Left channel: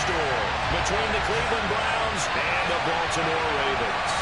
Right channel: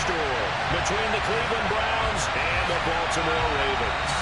store between the Cleveland Browns and the Baltimore Ravens.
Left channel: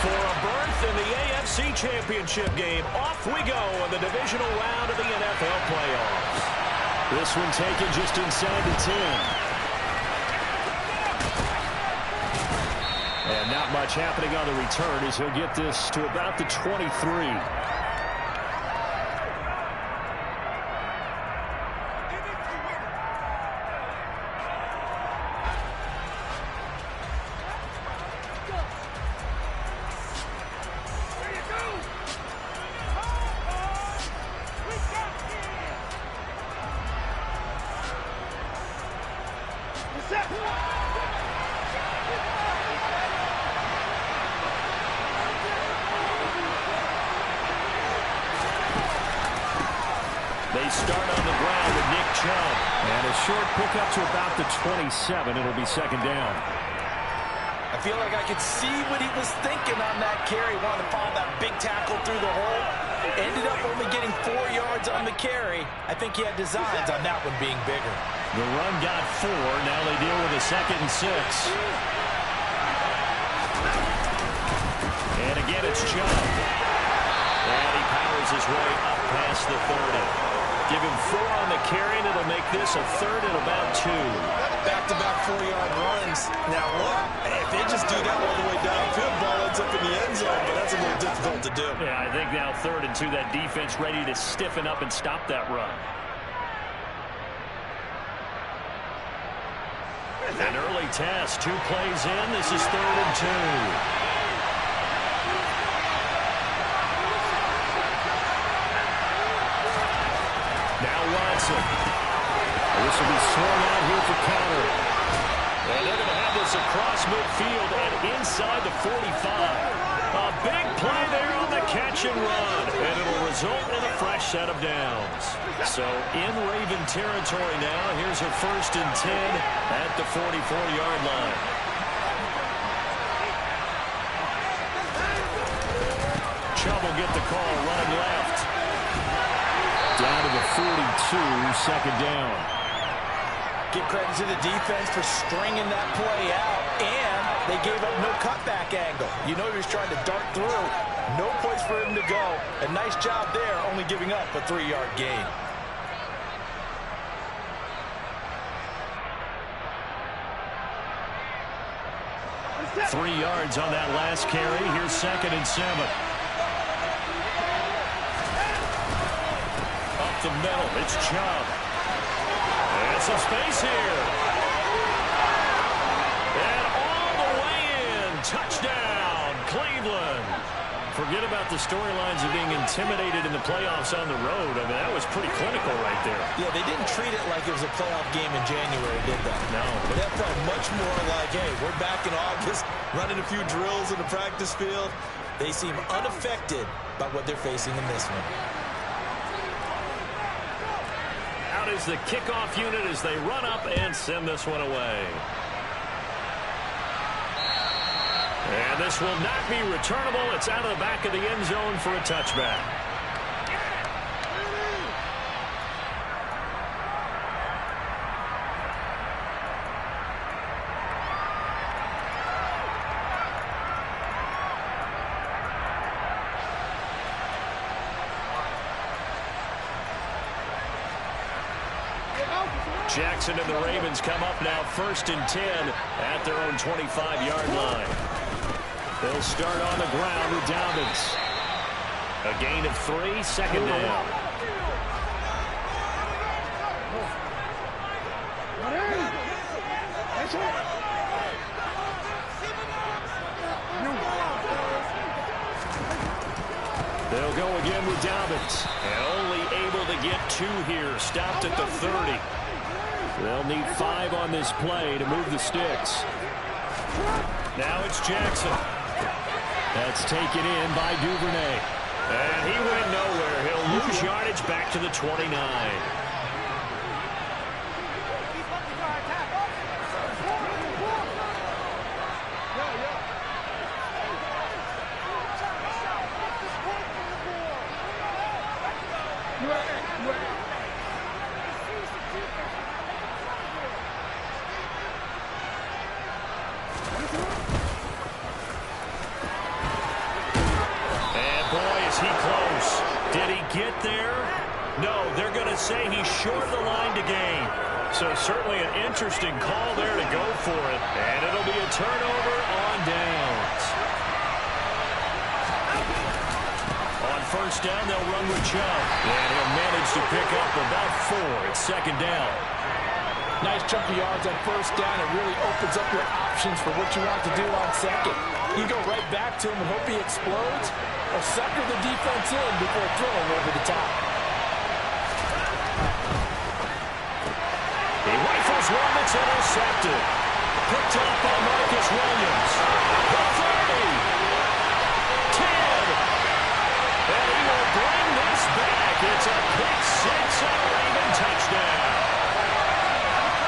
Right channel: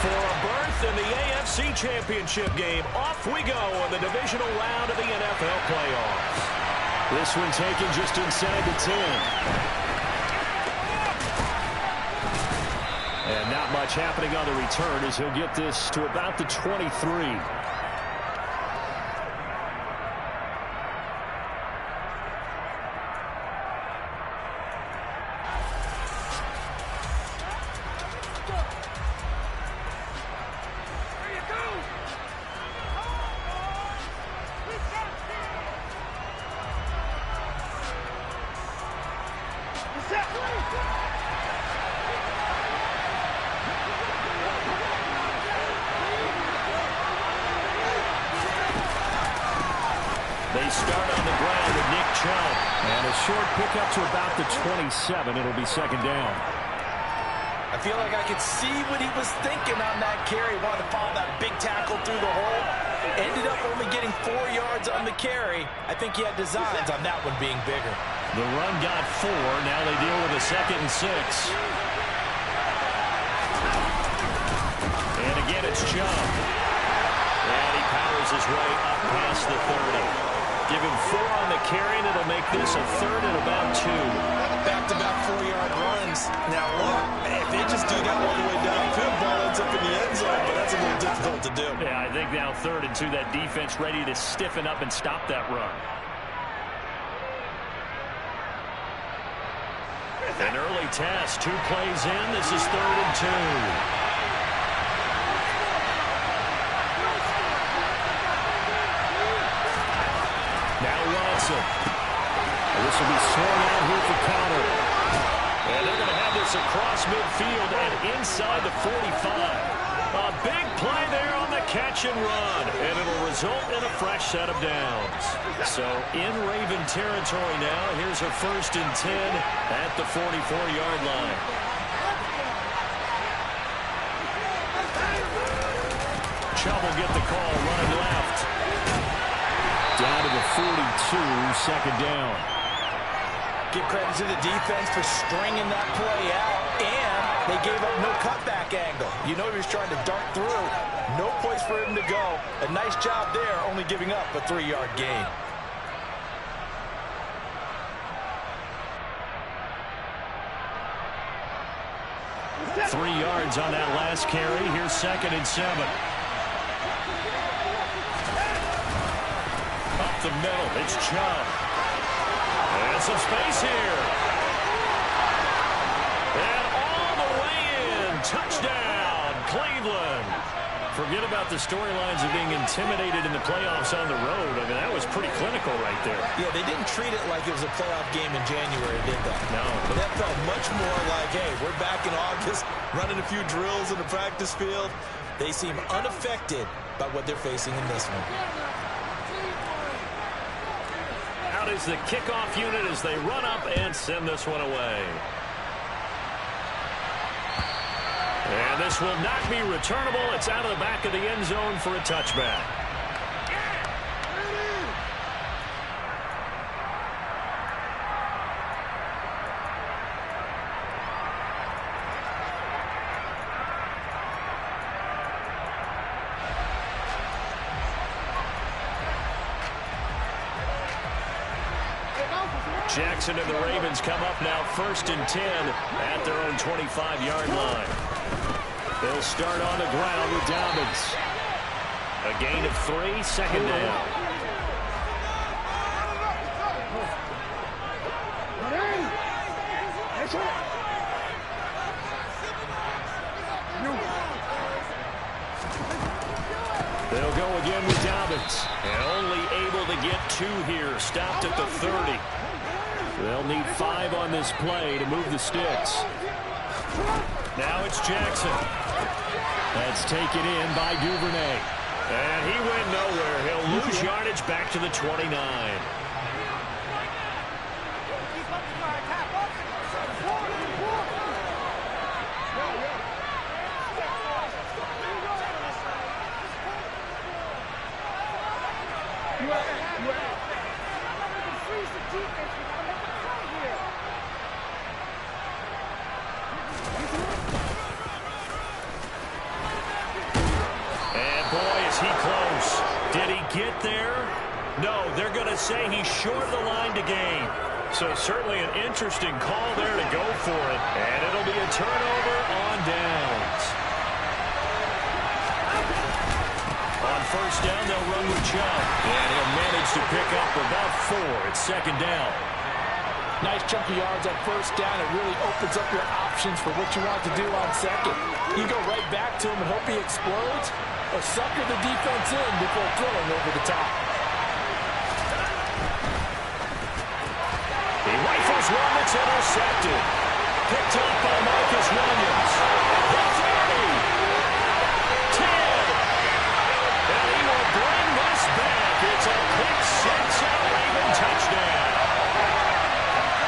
For a berth in the AFC Championship game, off we go in the divisional round of the NFL playoffs. This one taken just inside the 10. And not much happening on the return as he'll get this to about the 23. They start on the ground with Nick Chubb. And a short pickup to about the 27. It'll be second down. I feel like I could see what he was thinking on that carry. Wanted to follow that big tackle through the hole. Ended up only getting 4 yards on the carry. I think he had designs on that one being bigger. The run got 4. Now they deal with a 2nd and 6. And again, it's Chubb. And he powers his way up past the 30. Give him 4 on the carry, and it'll make this a 3rd and about 2. Back-to-back 4-yard runs. Now, look, if they just do that all the way downfield, ball ends up in the end zone, but that's a little difficult to do. Yeah, I think now 3rd and 2, that defense ready to stiffen up and stop that run. An early test, 2 plays in. This is 3rd and 2. Now Watson. This will be swung out here for Connor. And they're going to have this across midfield and inside the 45. A big play there on the catch and run. And it'll result in a fresh set of downs. So in Raven territory now. Here's a 1st and 10 at the 44-yard line. Chubb will get the call running left. Down to the 42, second down. Give credit to the defense for stringing that play out, and they gave up no cutback angle. You know he was trying to dart through. No place for him to go. A nice job there, only giving up a 3-yard gain. Three yards on that last carry. Here's 2nd and 7. Up the middle, it's Chubb. And some space here. And all the way in. Touchdown, Cleveland. Forget about the storylines of being intimidated in the playoffs on the road. I mean, that was pretty clinical right there. Yeah, they didn't treat it like it was a playoff game in January, did they? No. But that felt much more like, hey, we're back in August, running a few drills in the practice field. They seem unaffected by what they're facing in this one. Out is the kickoff unit as they run up and send this one away. And this will not be returnable. It's out of the back of the end zone for a touchback. Jackson and the Ravens come up now 1st and 10 at their own 25-yard line. They'll start on the ground with Dobbins. A gain of 3, second down. They'll go again with Dobbins. And only able to get 2 here. Stopped at the 30. They'll need 5 on this play to move the sticks. Now it's Jackson. That's taken in by Duvernay. And he went nowhere. He'll lose yardage back to the 29. And boy, is he close. Did he get there? No, they're going to say he's short of the line to gain. So certainly an interesting call there to go for it. And it'll be a turnover on downs. On first down, they'll run with Chubb. And he'll manage to pick up about 4. It's second down. Nice chunky yards on first down. It really opens up your options for what you want to do on second. You go right back to him and hope he explodes, or sucker the defense in before throwing over the top. He rifles one that's intercepted. Picked up by Marcus Williams. The 30. 10. And he will bring this back. It's a pick six and a Raven touchdown.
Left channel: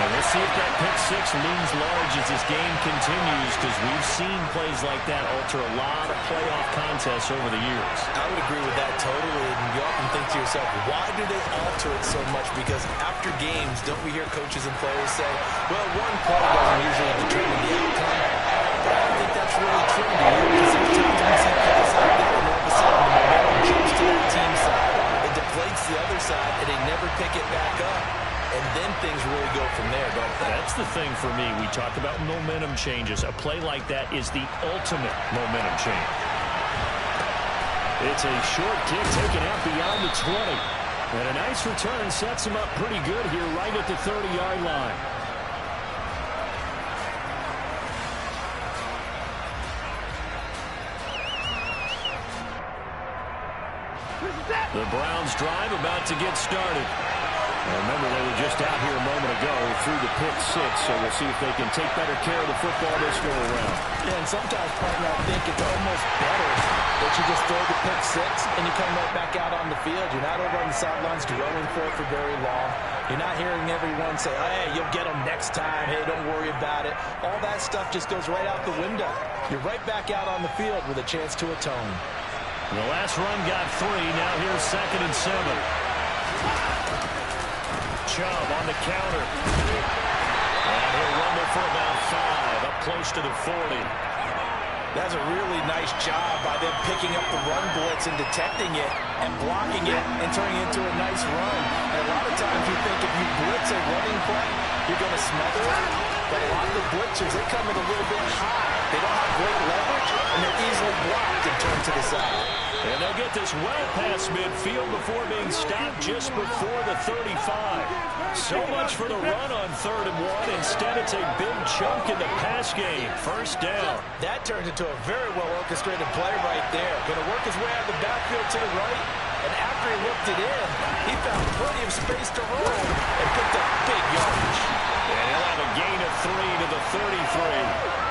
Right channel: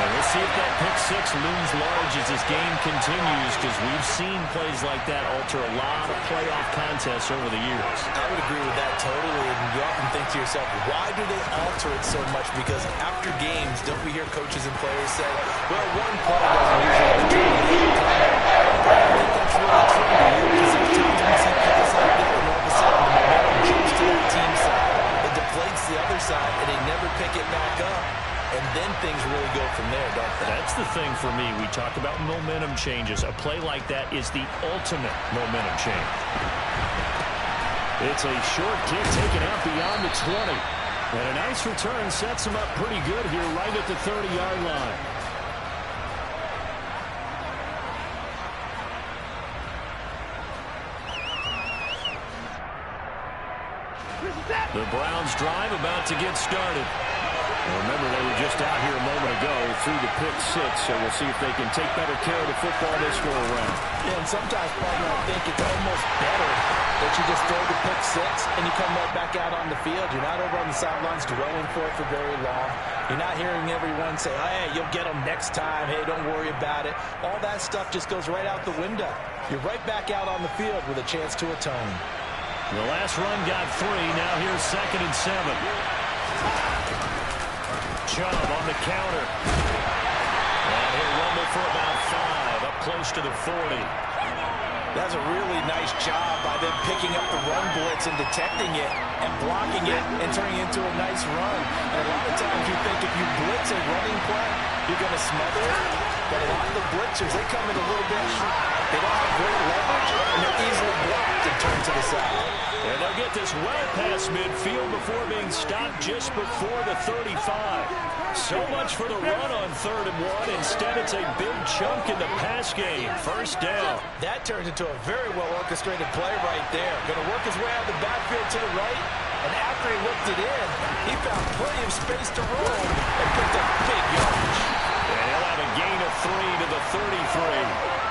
And we'll see if that pick six looms large as this game continues, because we've seen plays like that alter a lot of playoff contests over the years. I would agree with that totally, and you often think to yourself, why do they alter it so much? Because after games, don't we hear coaches and players say, well, one play doesn't usually determine the outcome. But I think that's really true to you, because there's times when you see plays like that, and all of a sudden the momentum jumps to that team side. It deflates the other side, and they never pick it back up. And then things really go from there, don't they? That's the thing for me. We talk about momentum changes. A play like that is the ultimate momentum change. It's a short kick taken out beyond the 20. And a nice return sets him up pretty good here right at the 30-yard line. The Browns drive about to get started. Well, remember, they were just out here a moment ago through the pick six, so we'll see if they can take better care of the football this go around. Yeah, and sometimes, partner, I think it's almost better that you just throw the pick six and you come right back out on the field. You're not over on the sidelines dwelling for it for very long. You're not hearing everyone say, oh, hey, you'll get them next time. Hey, don't worry about it. All that stuff just goes right out the window. You're right back out on the field with a chance to atone. The last run got 3. Now here's 2nd and 7. Chubb on the counter. And he'll rumble for about 5, up close to the 40. That's a really nice job by them picking up the run blitz and detecting it and blocking it and turning it into a nice run. And a lot of times you think if you blitz a running play, you're going to smother it. But a lot of the blitzers, they come in a little bit high. They don't have great leverage, and they're easily blocked and turned to the side. And they'll get this well past midfield before being stopped just before the 35. So much for the run on 3rd and 1. Instead, it's a big chunk in the pass game. First down. That turns into a very well-orchestrated play right there. Going to work his way out of the backfield to the right. And after he looked it in, he found plenty of space to roam and picked up big yardage. And he'll have a gain of 3 to the 33.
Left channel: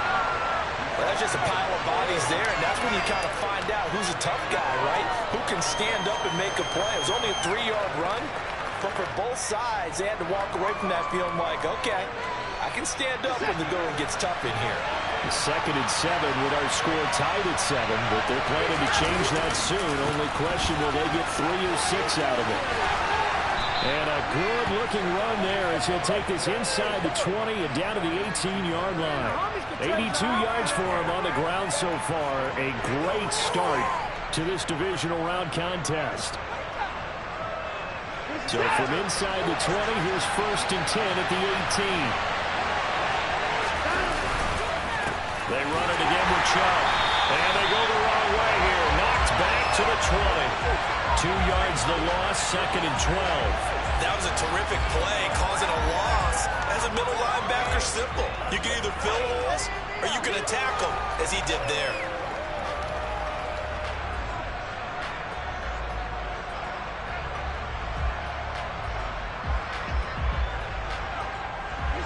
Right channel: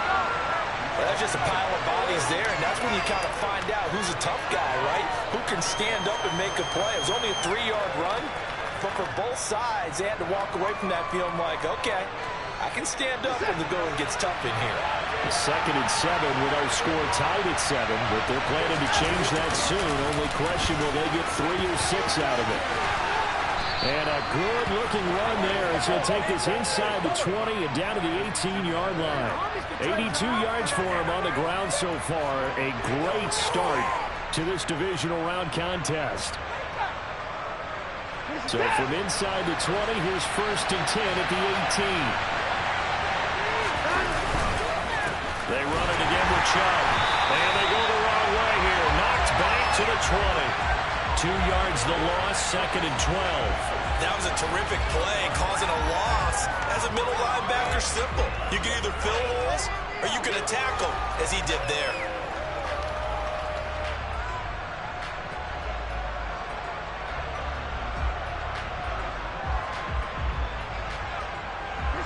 Well, that's just a pile of bodies there, and that's when you kind of find out who's a tough guy, right? Who can stand up and make a play. It was only a 3-yard run, but for both sides, they had to walk away from that feeling like, okay, I can stand up when the going gets tough in here. 2nd and 7 with our score tied at 7, but they're planning to change that soon. Only question, will they get 3 or 6 out of it? And a good-looking run there as he'll take this inside the 20 and down to the 18-yard line. 82 yards for him on the ground so far. A great start to this divisional round contest. So from inside the 20, here's 1st and 10 at the 18. They run it again with Chubb. And they go the wrong way here. Knocked back to the 20. 2 yards the loss, 2nd and 12. That was a terrific play, causing a loss. As a middle linebacker, simple. You can either fill holes or you can attack them, as he did there.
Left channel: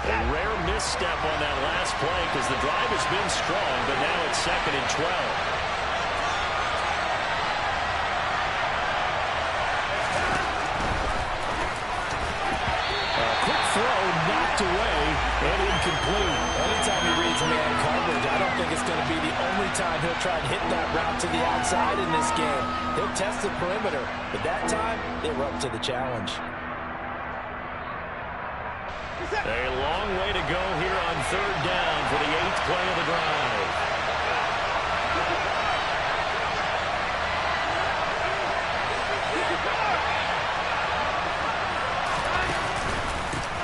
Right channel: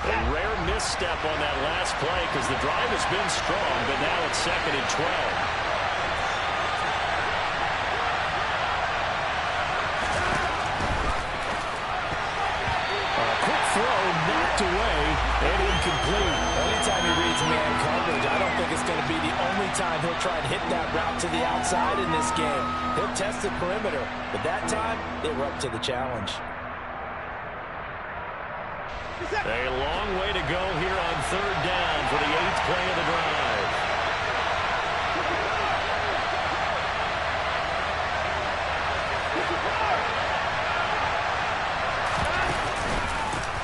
A rare misstep on that last play because the drive has been strong, but now it's 2nd and 12. knocked away and incomplete. Anytime he reads man coverage, I don't think it's going to be the only time he'll try and hit that route to the outside in this game. He'll test the perimeter, but that time, they were up to the challenge. A long way to go here on third down for the 8th play of the drive.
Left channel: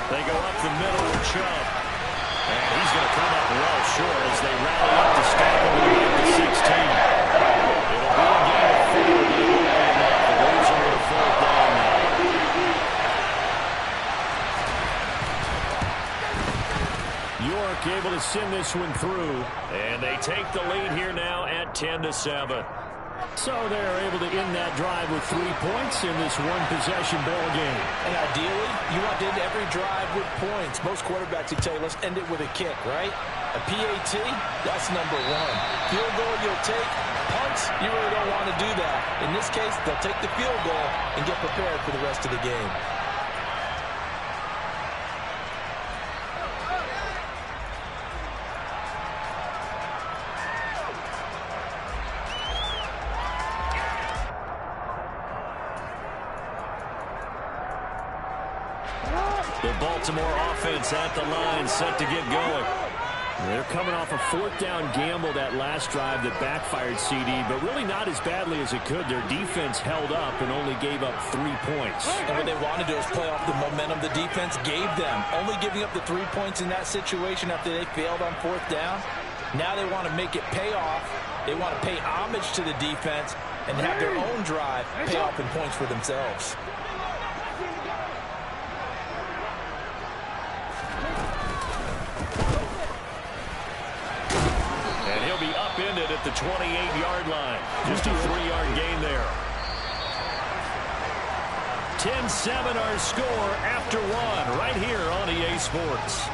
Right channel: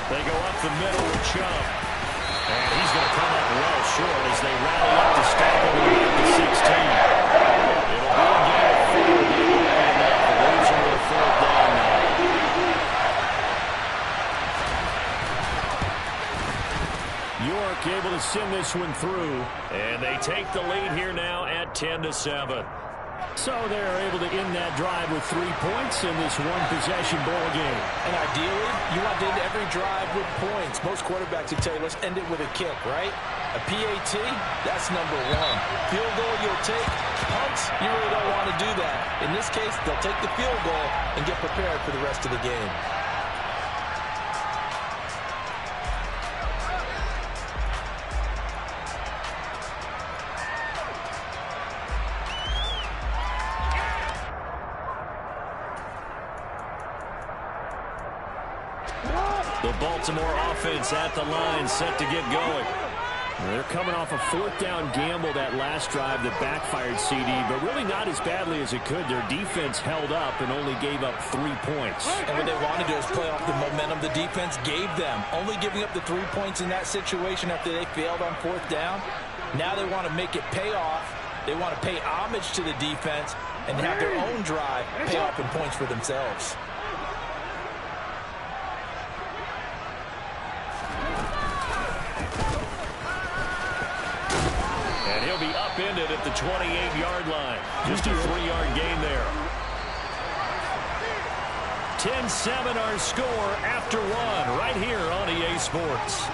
They go up the middle with Chubb. And he's going to come up well short as they rally up to stop him at the 16. It'll be a game of 4, but it won't be enough. It leaves him with a 4th down now. York able to send this one through. And they take the lead here now at 10-7. So they're able to end that drive with 3 points in this one-possession ball game. And ideally, you want to end every drive with points. Most quarterbacks would tell you, let's end it with a kick, right? A PAT, that's number 1. Field goal you'll take. Punts, you really don't want to do that. In this case, they'll take the field goal and get prepared for the rest of the game. The Baltimore offense at the line, set to get going. They're coming off a 4th down gamble that last drive that backfired, CD, but really not as badly as it could. Their defense held up and only gave up 3 points. And what they want to do is play off the momentum the defense gave them. Only giving up the 3 points in that situation after they failed on 4th down. Now they want to make it pay off. They want to pay homage to the defense and have their own drive pay off in points for themselves. And he'll be upended at the 28-yard line. Just a 3-yard gain there. 10-7 our score after 1 right here on EA Sports.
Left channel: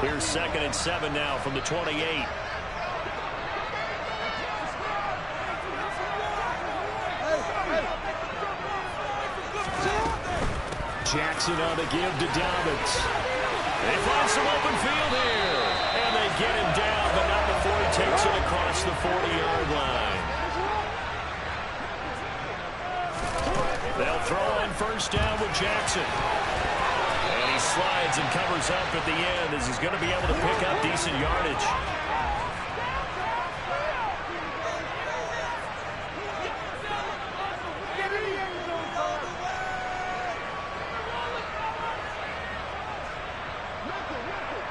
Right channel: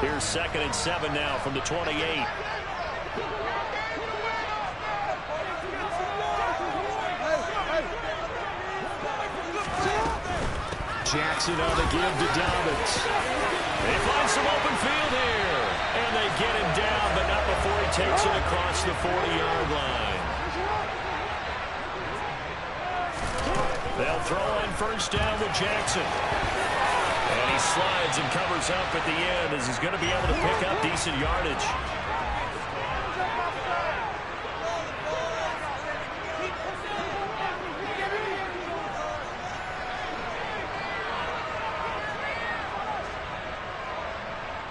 Here's 2nd and 7 now from the 28. Jackson on the give to Dobbins. They find some open field here. And they get him down, but not before he takes it across the 40-yard line. They'll throw on 1st down with Jackson. And he slides and covers up at the end as he's going to be able to pick up decent yardage.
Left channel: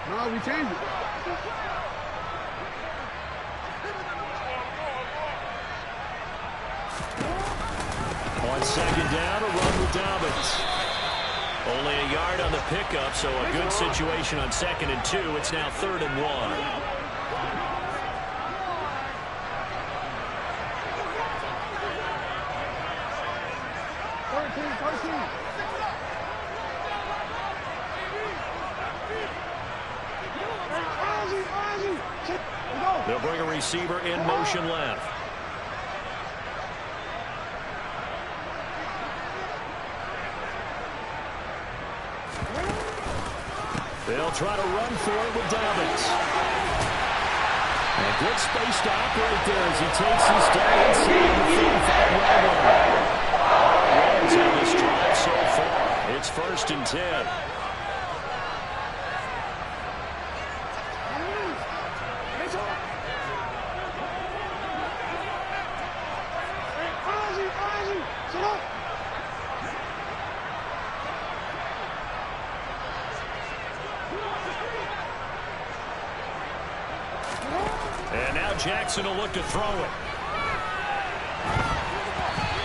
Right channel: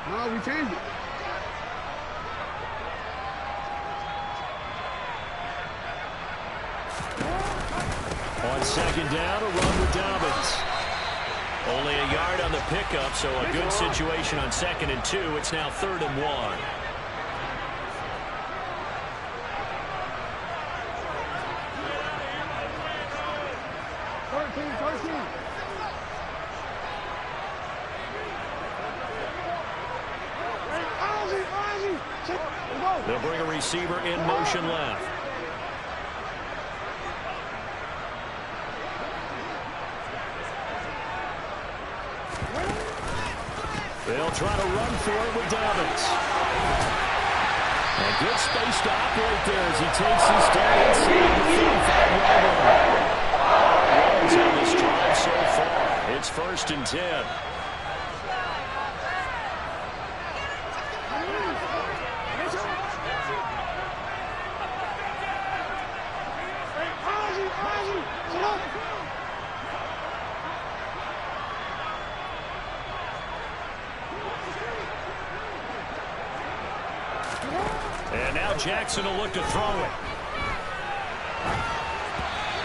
No, we changed it. On 2nd down, a run with Dobbins. Only a yard on the pickup, so a good situation on 2nd and 2. It's now 3rd and 1. They'll bring a receiver in motion left. They'll try to run for it with Dobbins. A good space to operate there as he takes this down inside the 35-yard line. Runs on this drive so far. It's 1st and 10. And now Jackson will look to throw it.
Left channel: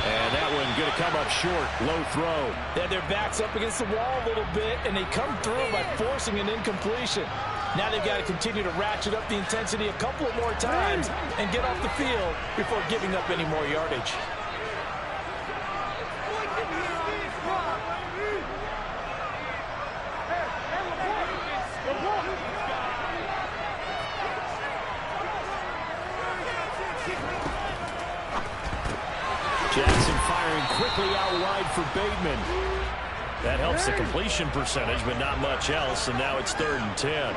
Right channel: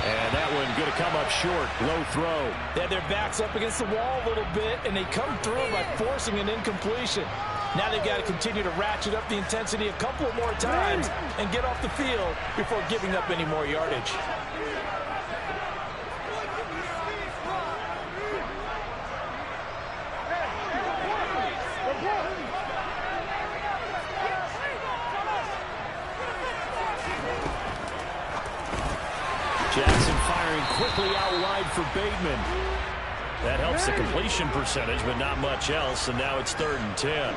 And that one going to come up short. Low throw. They had their backs up against the wall a little bit, and they come through by forcing an incompletion. Now they've got to continue to ratchet up the intensity a couple of more times and get off the field before giving up any more yardage. Jackson firing quickly out wide for Bateman. That helps the completion percentage, but not much else, and now it's 3rd and 10.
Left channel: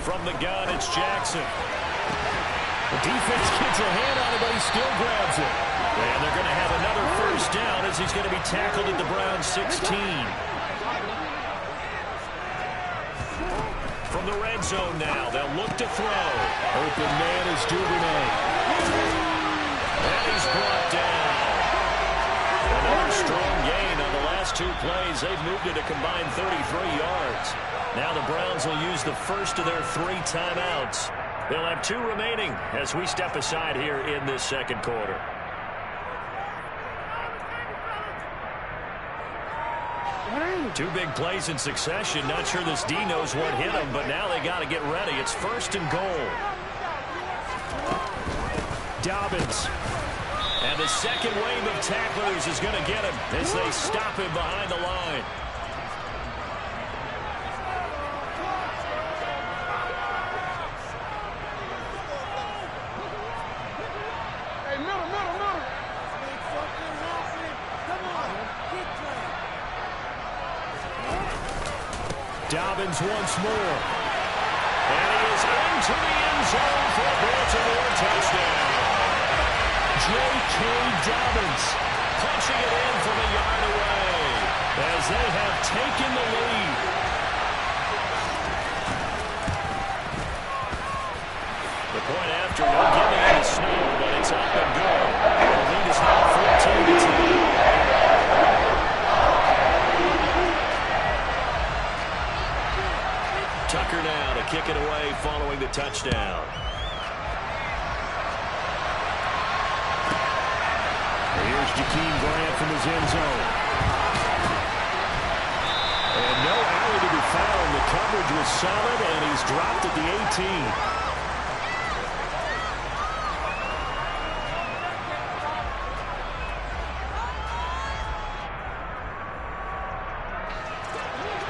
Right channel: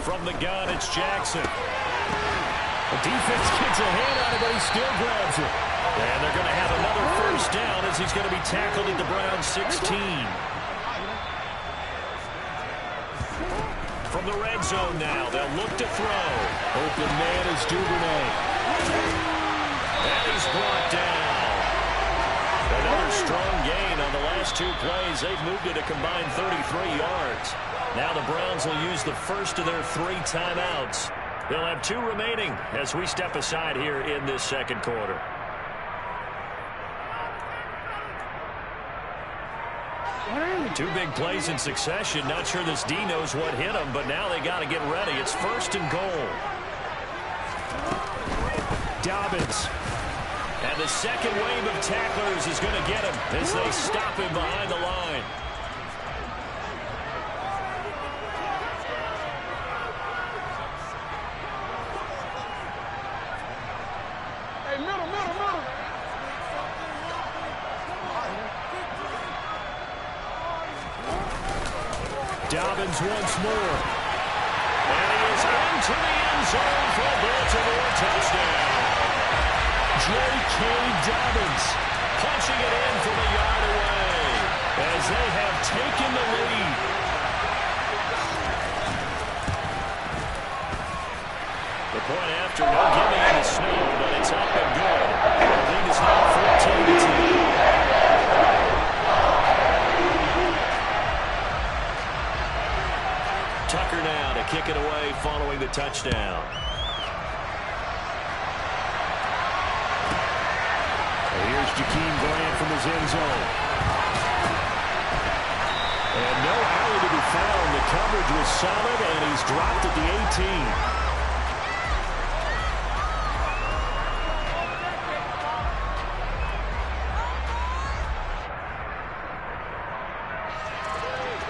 From the gun, it's Jackson. The defense gets a hand on it, but he still grabs it. And they're going to have another first down as he's going to be tackled at the Browns 16. From the red zone now, they'll look to throw. Open man is Duvernay. And he's brought down. Another strong gain on the last 2 plays. They've moved it a combined 33 yards. Now the Browns will use the first of their 3 timeouts. They'll have 2 remaining as we step aside here in this second quarter. Two big plays in succession. Not sure this D knows what hit him, but now they got to get ready. It's 1st and goal. Dobbins. And the second wave of tacklers is going to get him as they stop him behind the line. Dobbins once more. And he is into the end zone for a Baltimore touchdown. J.K. Dobbins punching it in from a yard away as they have taken the lead. The point after, no giving in the snow, but it's up and good. The lead is now 14-10. Tucker now to kick it away following the touchdown. Here's Jakeem Grant from his end zone. And no alley to be found. The coverage was solid, and he's dropped at the 18.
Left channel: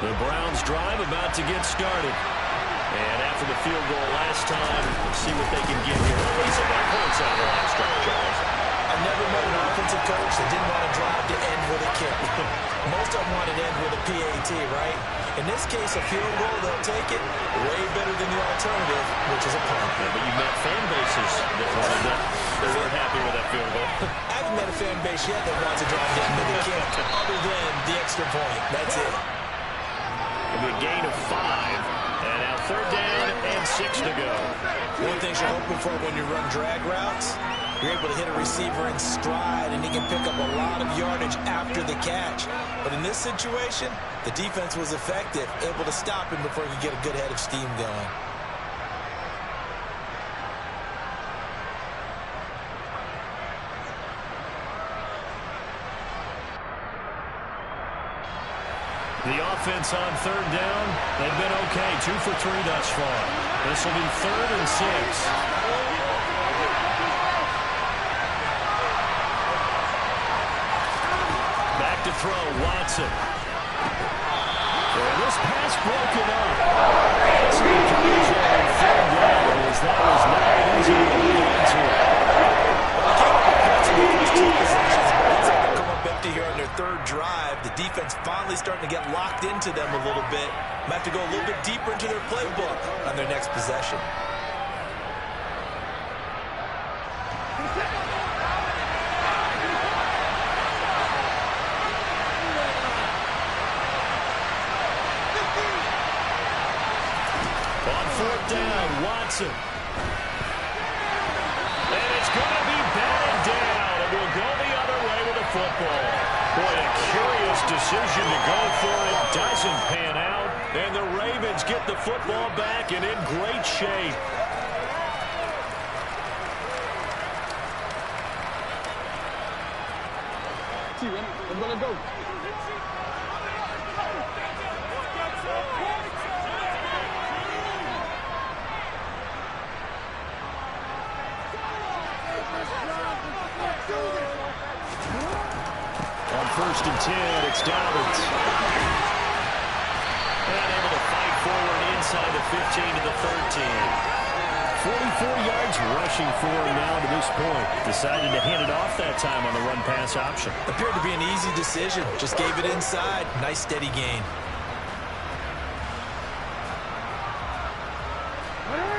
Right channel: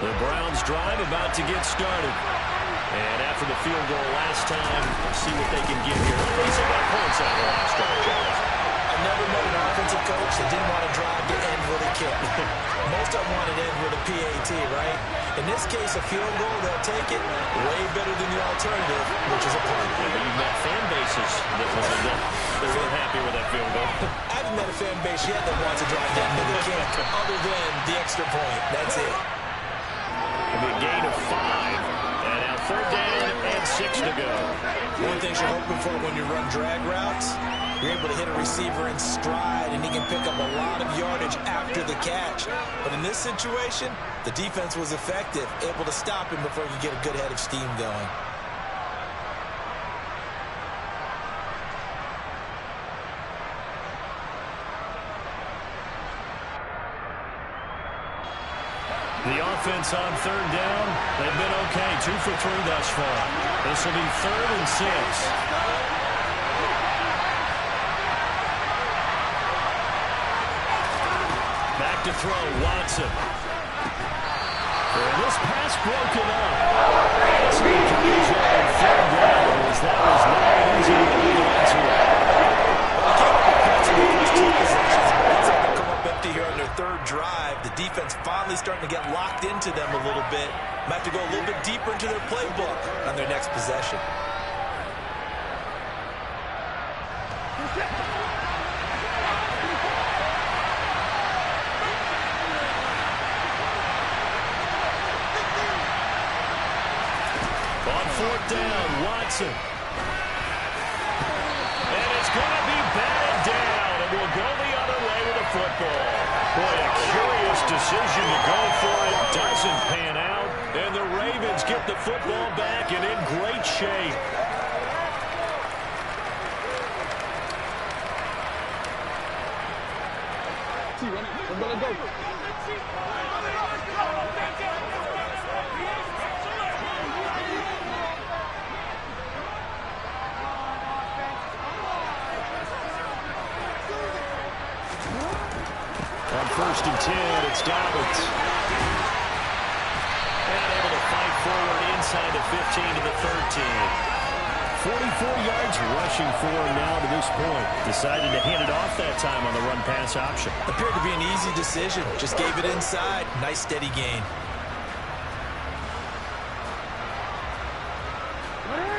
The Browns drive about to get started. And after the field goal last time, see what they can get here. He's got points out of the last drive, Charles. I've never met an offensive coach that didn't want to drive to end with a kick. Most of them wanted to end with a PAT, right? In this case, a field goal, they'll take it way better than the alternative, which is a punt. Yeah, but you've met fan bases that weren't happy with that field goal. I haven't met a fan base yet that wants to drive to end with a kick, other than the extra point. That's it. It'll be a gain of 5. And now 3rd down and 6 to go. One thing you're hoping for when you run drag routes, you're able to hit a receiver in stride, and he can pick up a lot of yardage after the catch. But in this situation, the defense was effective, able to stop him before he could get a good head of steam going. The offense on 3rd down, they've been okay. 2 for 3 thus far. This will be 3rd and 6. Back to throw, Watson. And this pass broken up. Some coverage on 3rd down as that was not easy to hold on to. Here on their 3rd drive, the defense finally starting to get locked into them a little bit. Might have to go a little bit deeper into their playbook on their next possession. On 4th down, Watson. And it's going to be batted down. It will go the other way with a football. Boy, a curious decision to go for it. Doesn't pan out. And the Ravens get the football back and in great shape. Let's go. On 1st and 10, it's Dobbins. And able to fight forward inside the 15 to the 13. 44 yards rushing for him now to this point. Decided to hand it off that time on the run-pass option. Appeared to be an easy decision. Just gave it inside. Nice steady gain.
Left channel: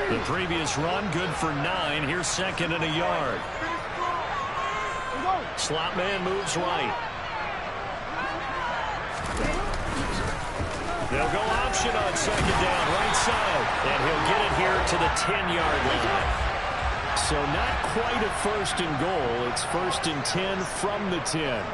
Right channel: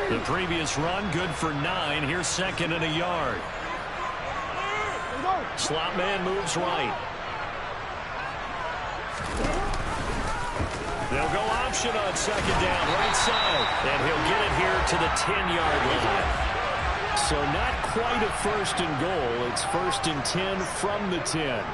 The previous run, good for 9. Here's 2nd and a yard. Slot man moves right. They'll go option on 2nd down, right side. And he'll get it here to the 10-yard line. So not quite a 1st and goal. It's 1st and 10 from the 10.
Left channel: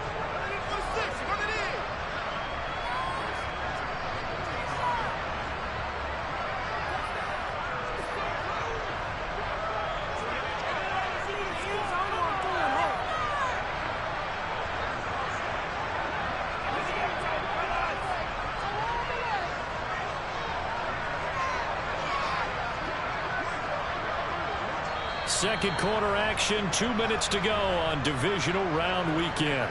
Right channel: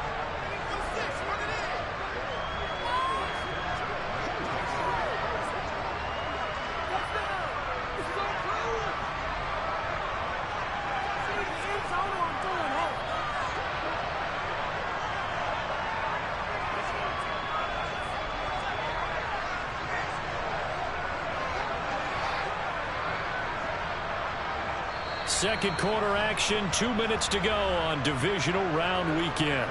Second quarter action, 2 minutes to go on divisional round weekend.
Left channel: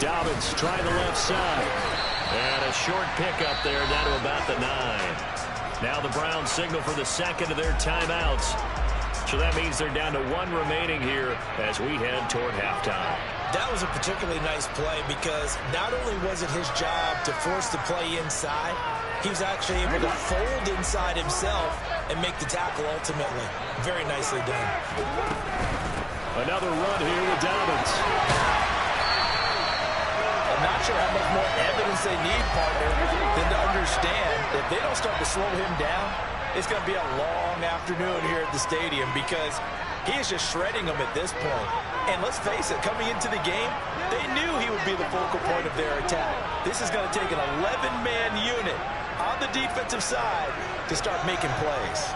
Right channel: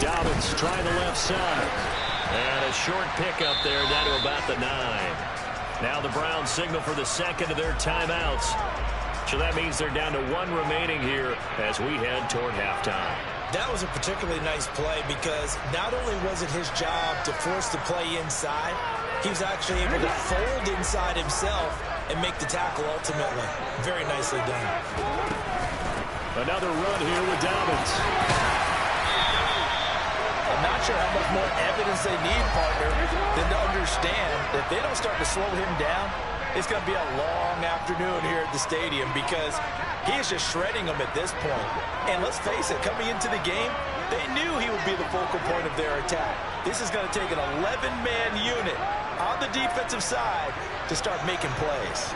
Dobbins trying the left side. And a short pickup there down to about the 9. Now the Browns signal for the 2nd of their timeouts. So that means they're down to 1 remaining here as we head toward halftime. That was a particularly nice play because not only was it his job to force the play inside, he was actually able to fold inside himself and make the tackle ultimately. Very nicely done. Another run here with Dobbins. I'm not sure how much more evidence they need, partner, than to understand that if they don't start to slow him down, it's going to be a long afternoon here at the stadium because he is just shredding them at this point. And let's face it, coming into the game, they knew he would be the focal point of their attack. This is going to take an 11-man unit on the defensive side to start making plays.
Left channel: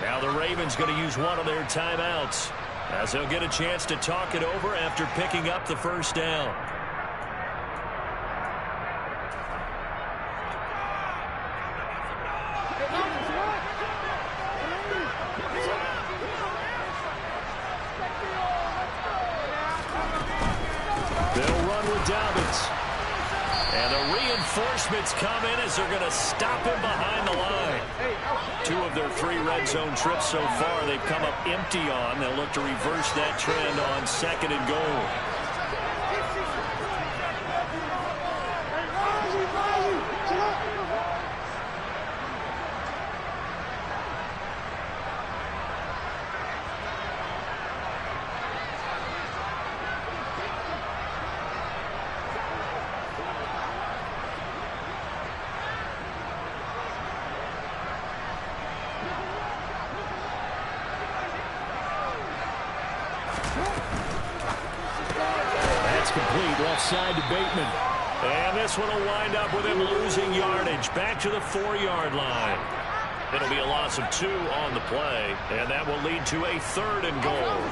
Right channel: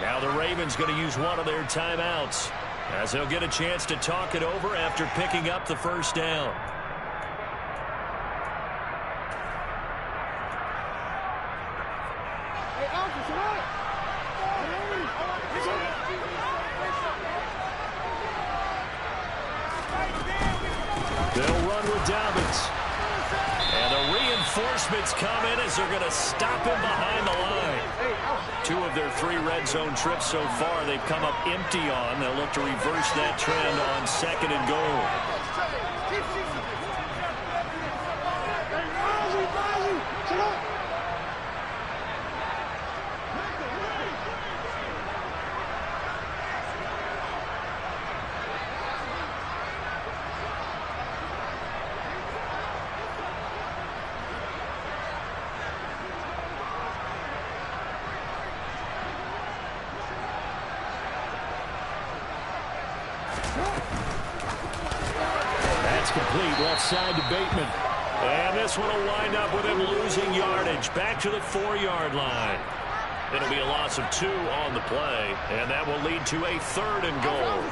Now the Ravens going to use one of their timeouts as they'll get a chance to talk it over after picking up the 1st down. They'll run with Dobbins. And the reinforcements come in as they're going to stop him behind the line. 2 of their 3 red zone trips so far they've come up empty on. They'll look to reverse that trend on 2nd and goal. That's complete, left side to Bateman. And this one will wind up with him losing yardage. Back to the 4-yard line. It'll be a loss of 2 on the play, and that will lead to a 3rd and goal.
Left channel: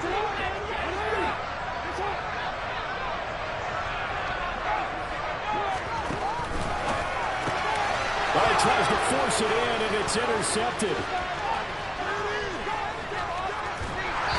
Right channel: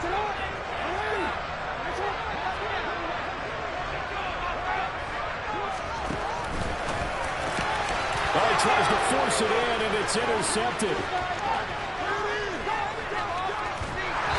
Well, he tries to force it in, and it's intercepted.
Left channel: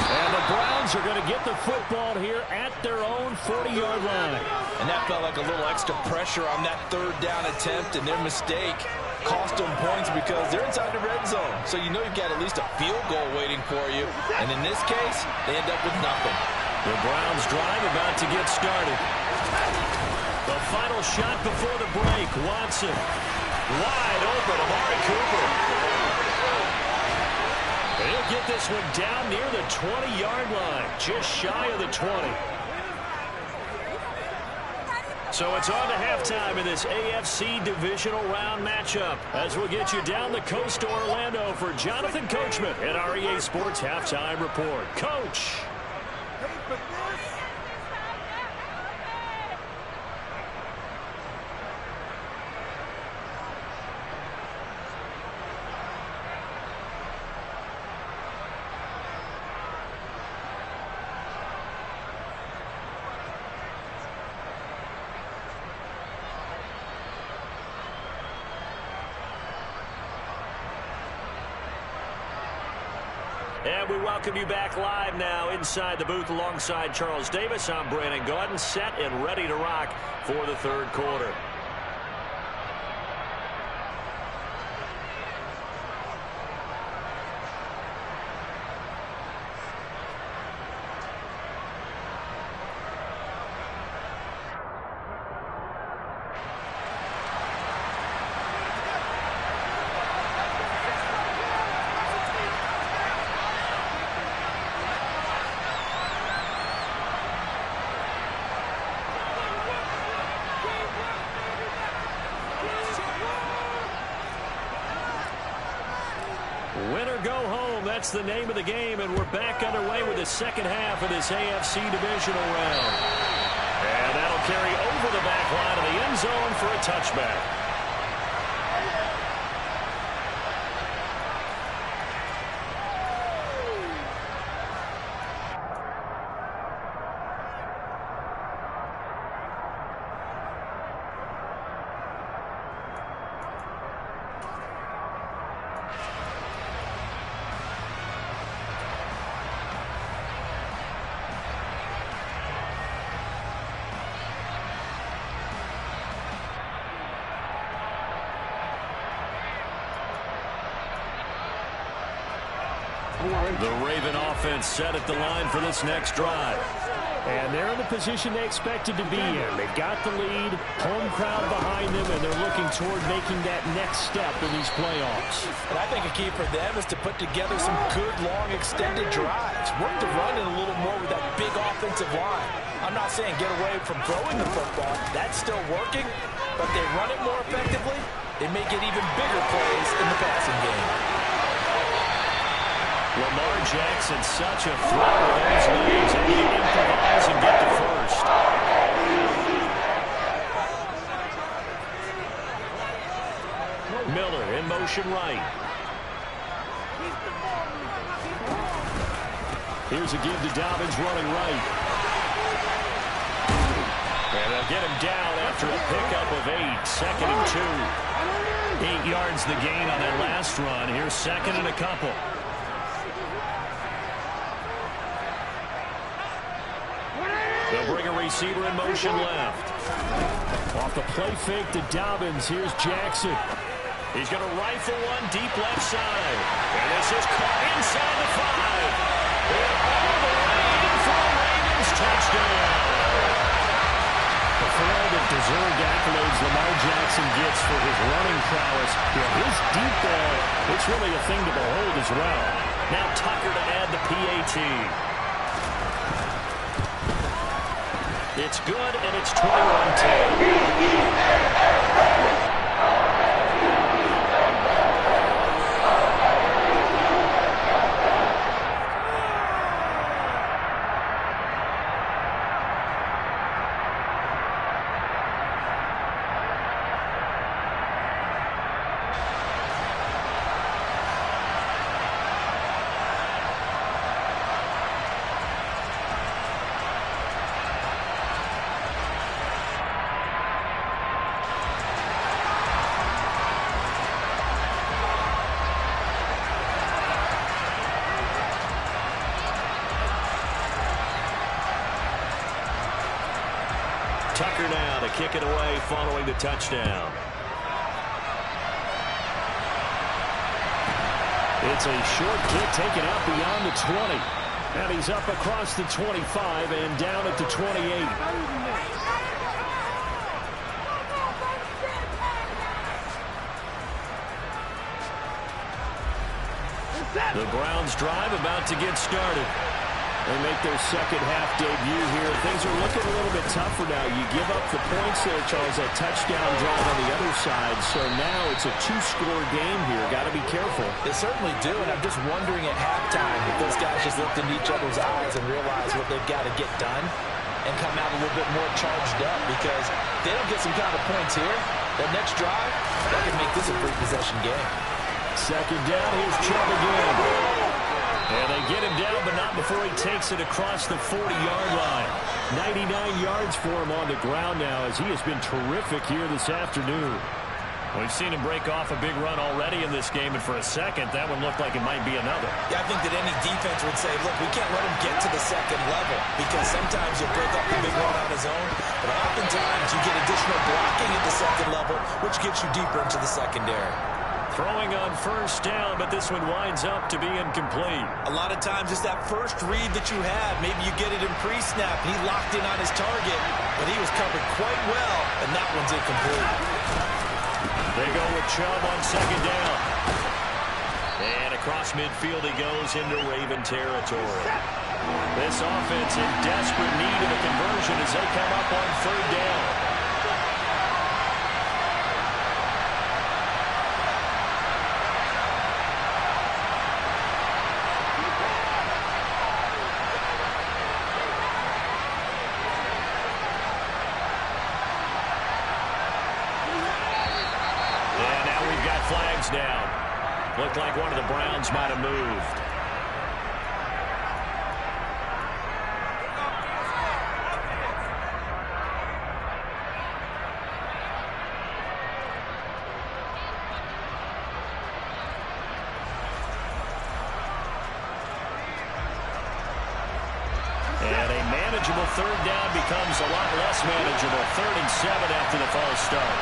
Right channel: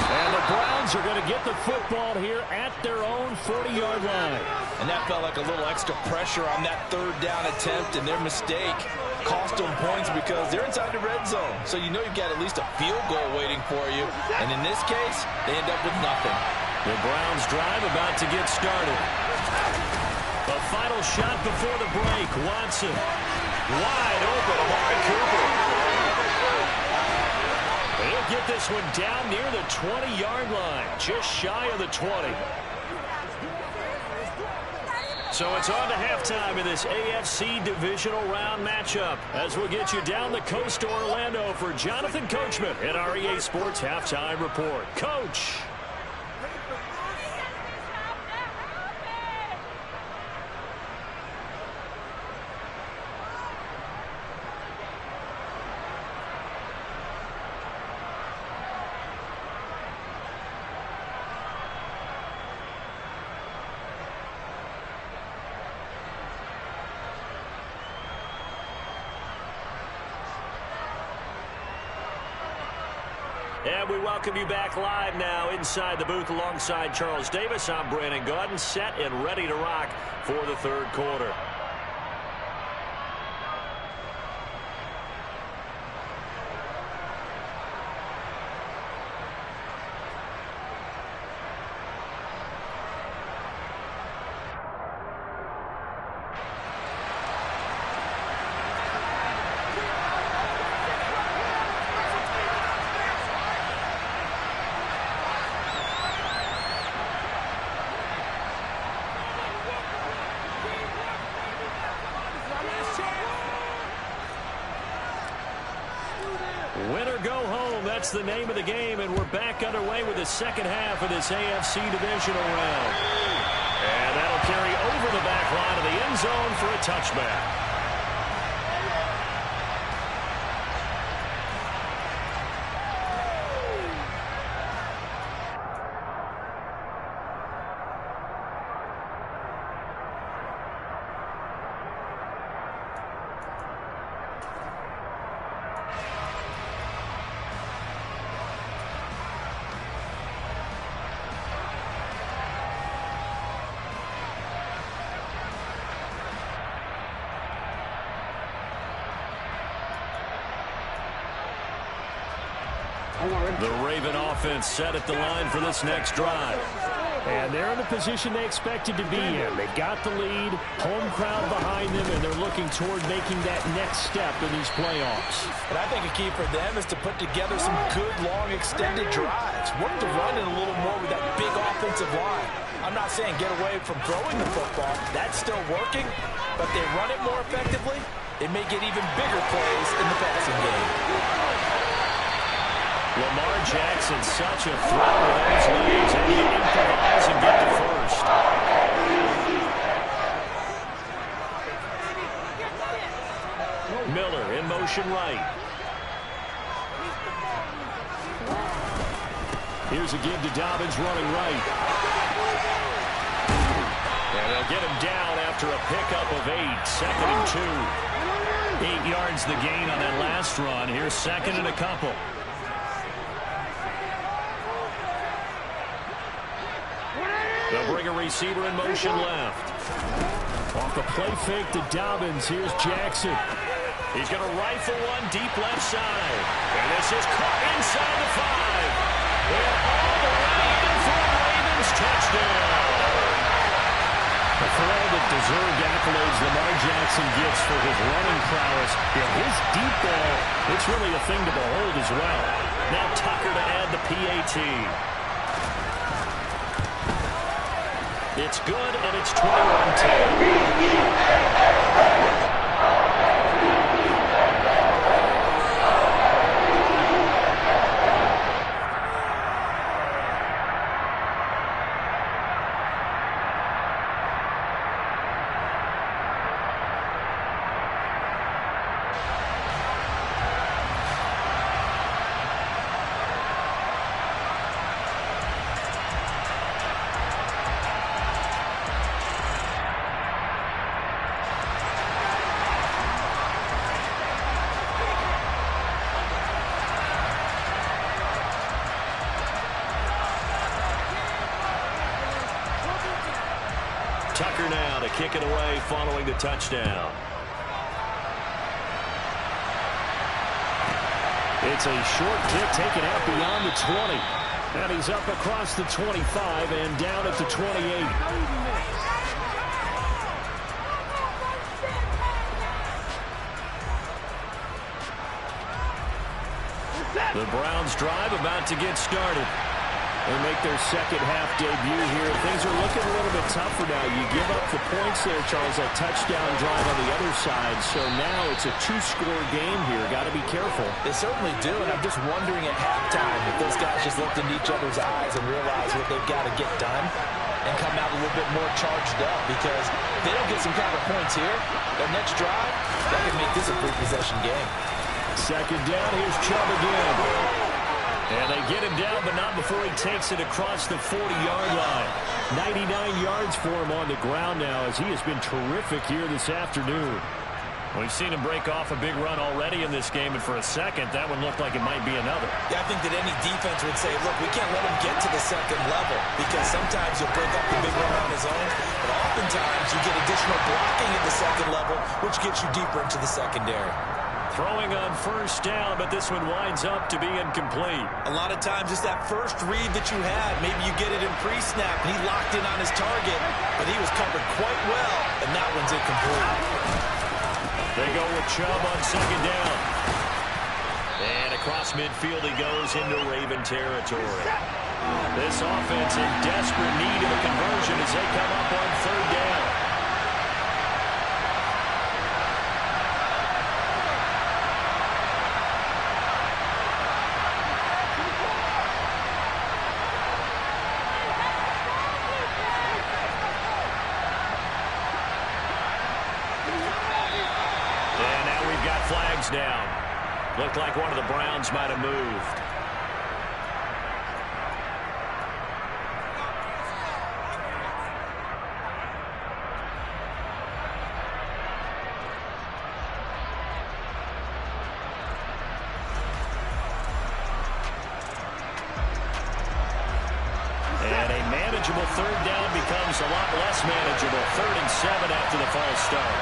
And the Browns Browns are going to get the football here at their own 40-yard line. And that felt like a little extra pressure on that third down attempt, and their mistake cost them points because they're inside the red zone. So you know you've got at least a field goal waiting for you. And in this case, they end up with nothing. The Browns drive about to get started. The final shot before the break. Watson wide open. Amari Cooper. He'll get this one down near the 20-yard line. Just shy of the 20. So it's on to halftime in this AFC divisional round matchup as we'll get you down the coast to Orlando for Jonathan Coachman at our EA Sports Halftime Report. Coach. And we welcome you back live now inside the booth alongside Charles Davis. I'm Brandon Gaudin, set and ready to rock for the third quarter. Win or go home, that's the name of the game, and we're back underway with the second half of this AFC divisional round. And that'll carry over the back line of the end zone for a touchback. The Raven offense set at the line for this next drive. And they're in the position they expected to be in. They got the lead, home crowd behind them, and they're looking toward making that next step in these playoffs. And I think a key for them is to put together some good, long, extended drives. Work the run in a little more with that big offensive line. I'm not saying get away from throwing the football. That's still working. But they run it more effectively, they may get even bigger plays in the passing game. Lamar Jackson, such a threat with those legs, and he improvise and get to first. Miller in motion right. Here's a give to Dobbins running right. And they'll get him down after a pickup of 8, 2nd and 2. 8 yards the gain on that last run. Here's 2nd and a couple. They'll bring a receiver in motion left. Off the play fake to Dobbins. Here's Jackson. He's going to rifle one deep left side. And this is caught inside the 5. And all the way in for a Ravens touchdown. But for all the deserved accolades Lamar Jackson gets for his running prowess, his deep ball, it's really a thing to behold as well. Now Tucker to add the PAT. It's good, and it's 21-10. Tucker now to kick it away following the touchdown. It's a short kick taken out beyond the 20. And he's up across the 25 and down at the 28. The Browns drive about to get started. They make their second half debut here. Things are looking a little bit tougher now. You give up the points there, Charles, that touchdown drive on the other side. So now it's a two-score game here. Got to be careful. They certainly do, and I'm just wondering at halftime if those guys just looked into each other's eyes and realized what they've got to get done and come out a little bit more charged up, because if they don't get some kind of points here, that next drive, that could make this a three-possession game. Second down, here's Chubb again. And they get him down, but not before he takes it across the 40-yard line. 99 yards for him on the ground now, as he has been terrific here this afternoon. We've seen him break off a big run already in this game, and for a second, that one looked like it might be another. Yeah, I think that any defense would say, look, we can't let him get to the second level, because sometimes he'll break up the big run on his own, but oftentimes you get additional blocking at the second level, which gets you deeper into the secondary. Throwing on first down, but this one winds up to be incomplete. A lot of times it's that first read that you had. Maybe you get it in pre-snap, and he locked in on his target, but he was covered quite well, and that one's incomplete. They go with Chubb on second down. And across midfield he goes into Raven territory. This offense in desperate need of a conversion as they come up on third down. Flags down. Looked like one of the Browns might have moved. And a manageable third down becomes a lot less manageable. 3rd and 7 after the false start.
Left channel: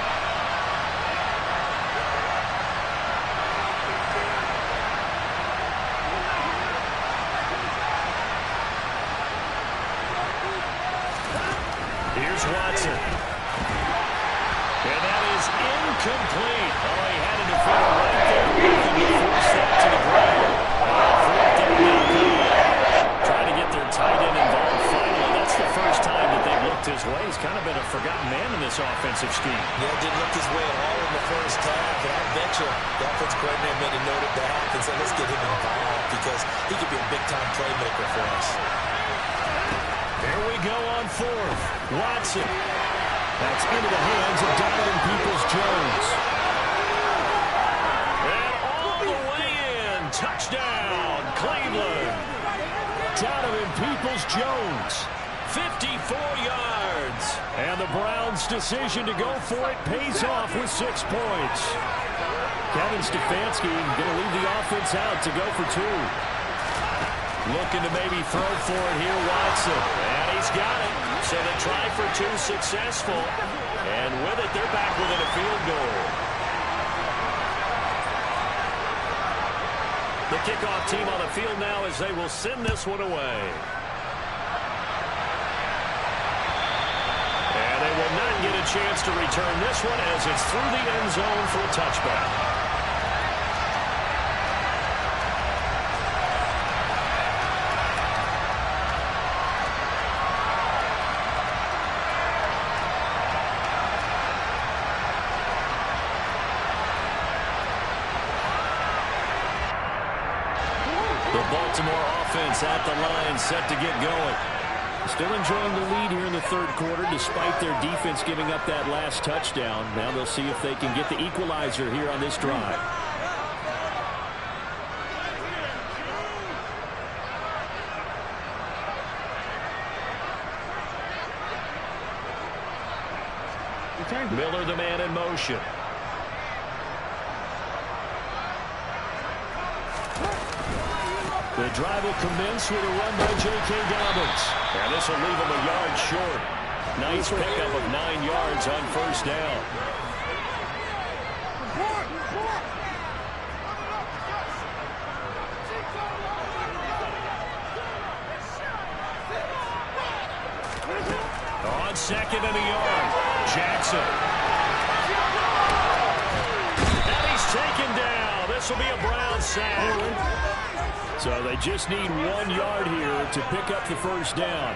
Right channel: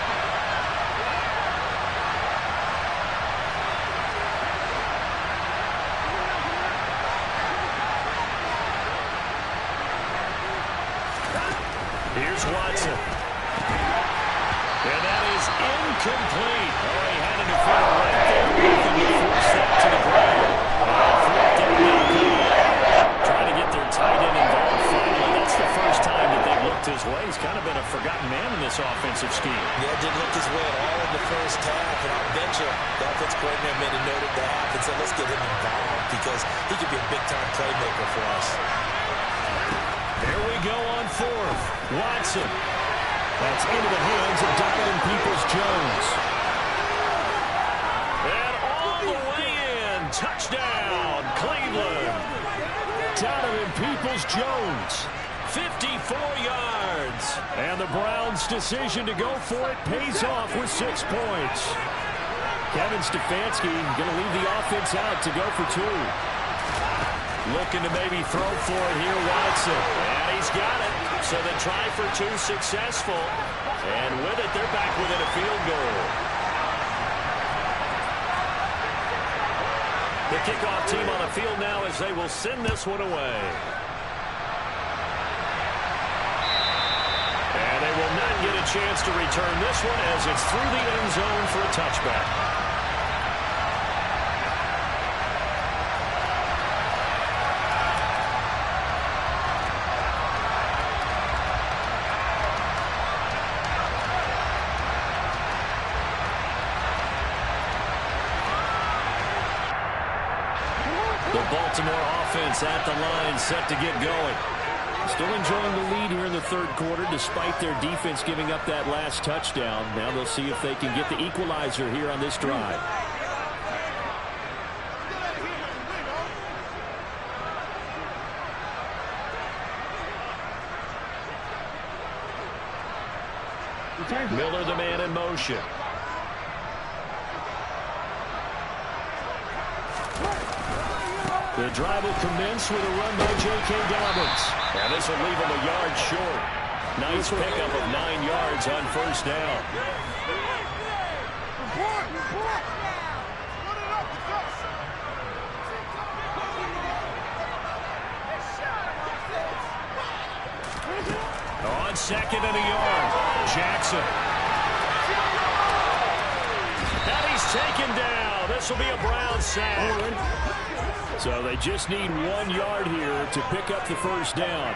Here's Watson. And that is incomplete. Oh, he had a defender right there with him to force that to the ground. Trying to get their tight end involved finally. That's the first time that they've looked his way. He's kind of been a forgotten man in this offensive scheme. Yeah, didn't look his way at all in the first half. And I'll bet you the offense coordinator made a note at the half and said, let's get him involved because he could be a big-time playmaker for us. Here we go on 4th. Watson. That's into the hands of Donovan Peoples-Jones. And all the way in. Touchdown, Cleveland. Donovan Peoples-Jones. 54 yards. And the Browns' decision to go for it pays off with 6 points. Kevin Stefanski going to leave the offense out to go for 2. Looking to maybe throw for it here, Watson. And he's got it. So they try for 2 successful. And with it, they're back within a field goal. The kickoff team on the field now as they will send this one away. And they will not get a chance to return this one as it's through the end zone for a touchback. The Baltimore offense at the line, set to get going. Still enjoying the lead here in the 3rd quarter, despite their defense giving up that last touchdown. Now they'll see if they can get the equalizer here on this drive. Miller, the man in motion. The drive will commence with a run by J.K. Dobbins. And this will leave him a yard short. Nice pickup of 9 yards on first down. On second and a yard, Jackson. And he's taken down. This will be a Brown sack. So they just need 1 yard here to pick up the first down.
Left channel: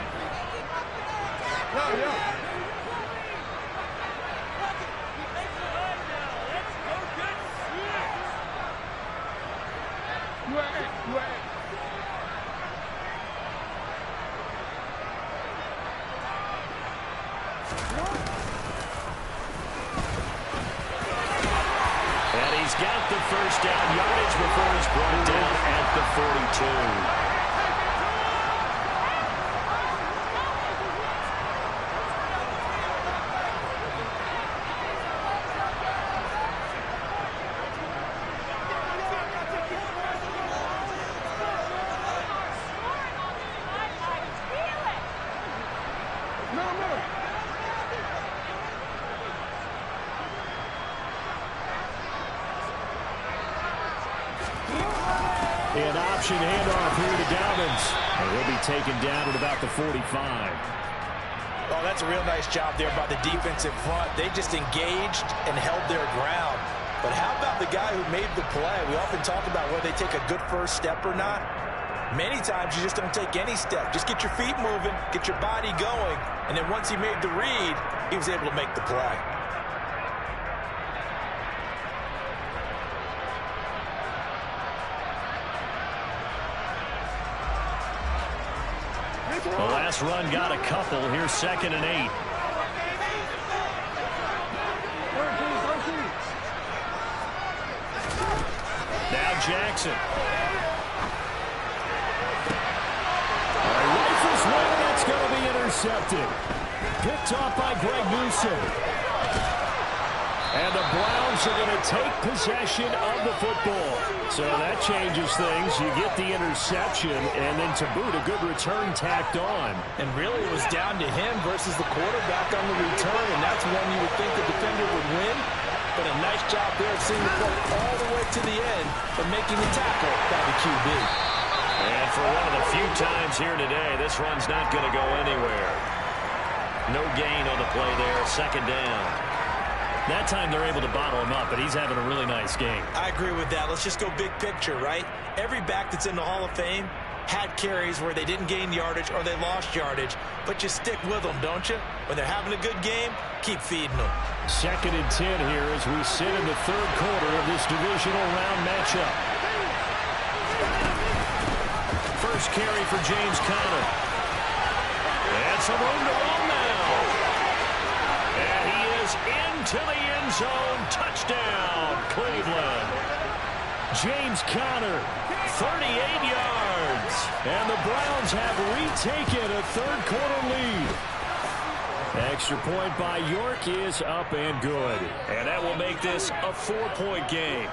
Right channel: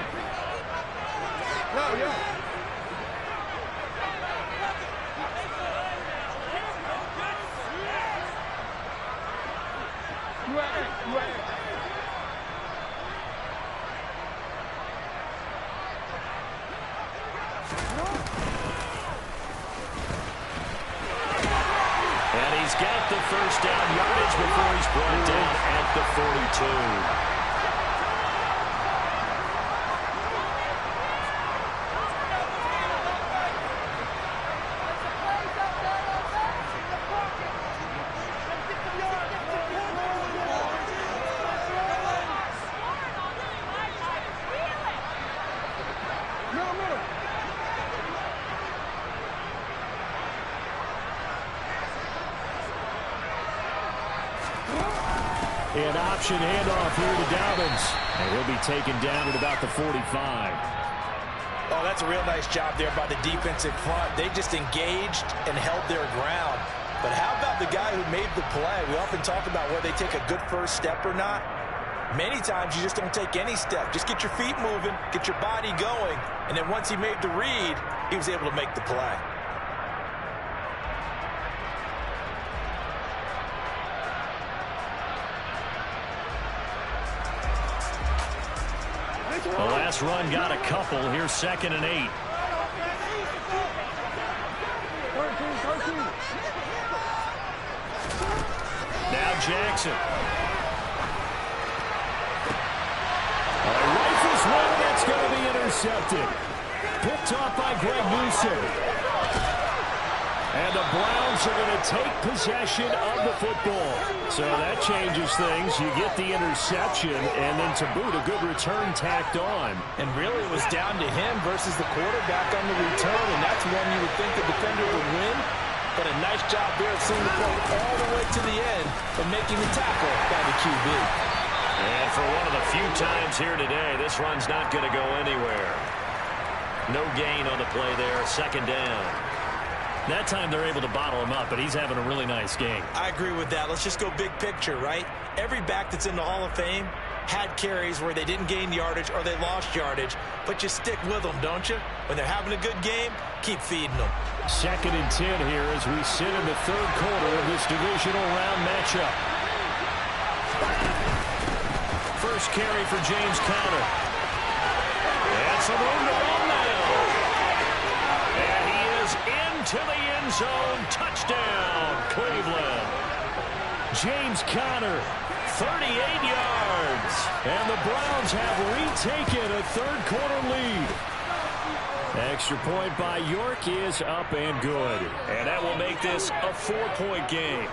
And he's got the first down yardage before he's brought down at the 42. An option handoff here to Dobbins. And he'll be taken down at about the 45. Oh, that's a real nice job there by the defensive front. They just engaged and held their ground. But how about the guy who made the play? We often talk about whether they take a good first step or not. Many times you just don't take any step. Just get your feet moving, get your body going, and then once he made the read, he was able to make the play. The last run got a couple. Here's 2nd and 8. Now Jackson. Rifles one. That's going to be intercepted. Picked off by Greg Newsome. And the Browns are going to take possession of the football. So that changes things. You get the interception, and then to boot, a good return tacked on. And really, it was down to him versus the quarterback on the return, and that's one you would think the defender would win. But a nice job there of seeing the play all the way to the end, but making the tackle by the QB. And for one of the few times here today, this run's not going to go anywhere. No gain on the play there, 2nd down. That time they're able to bottle him up, but he's having a really nice game. I agree with that. Let's just go big picture, right? Every back that's in the Hall of Fame had carries where they didn't gain yardage or they lost yardage, but you stick with them, don't you? When they're having a good game, keep feeding them. 2nd and 10 here as we sit in the 3rd quarter of this divisional round matchup. First carry for James Conner. And some room to run now. And he is into the end zone. Touchdown, Cleveland. James Conner, 38 yards. And the Browns have retaken a 3rd quarter lead. Extra point by York is up and good. And that will make this a 4-point game.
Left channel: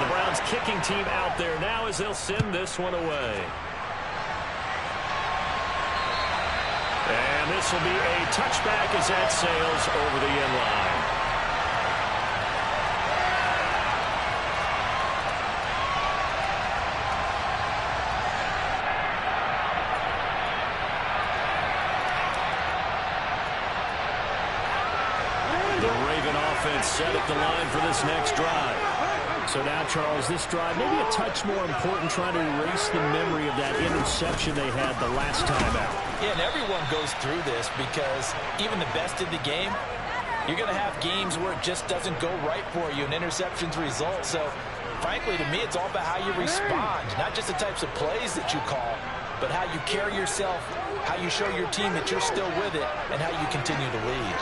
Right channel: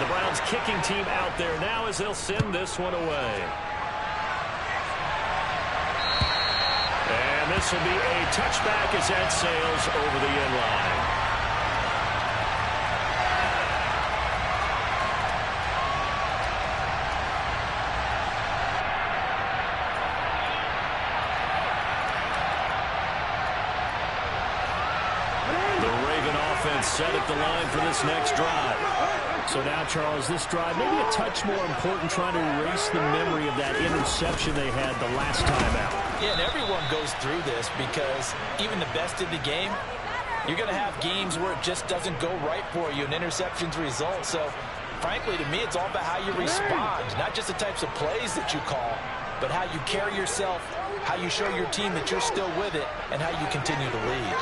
The Browns kicking team out there now as they'll send this one away. And this will be a touchback as that sails over the end line. The Raven offense set at the line for this next drive. So now, Charles, this drive maybe a touch more important, trying to erase the memory of that interception they had the last time out. Yeah, and everyone goes through this because even the best in the game, you're going to have games where it just doesn't go right for you and interceptions result. So, frankly, to me, it's all about how you respond, not just the types of plays that you call, but how you carry yourself, how you show your team that you're still with it, and how you continue to lead.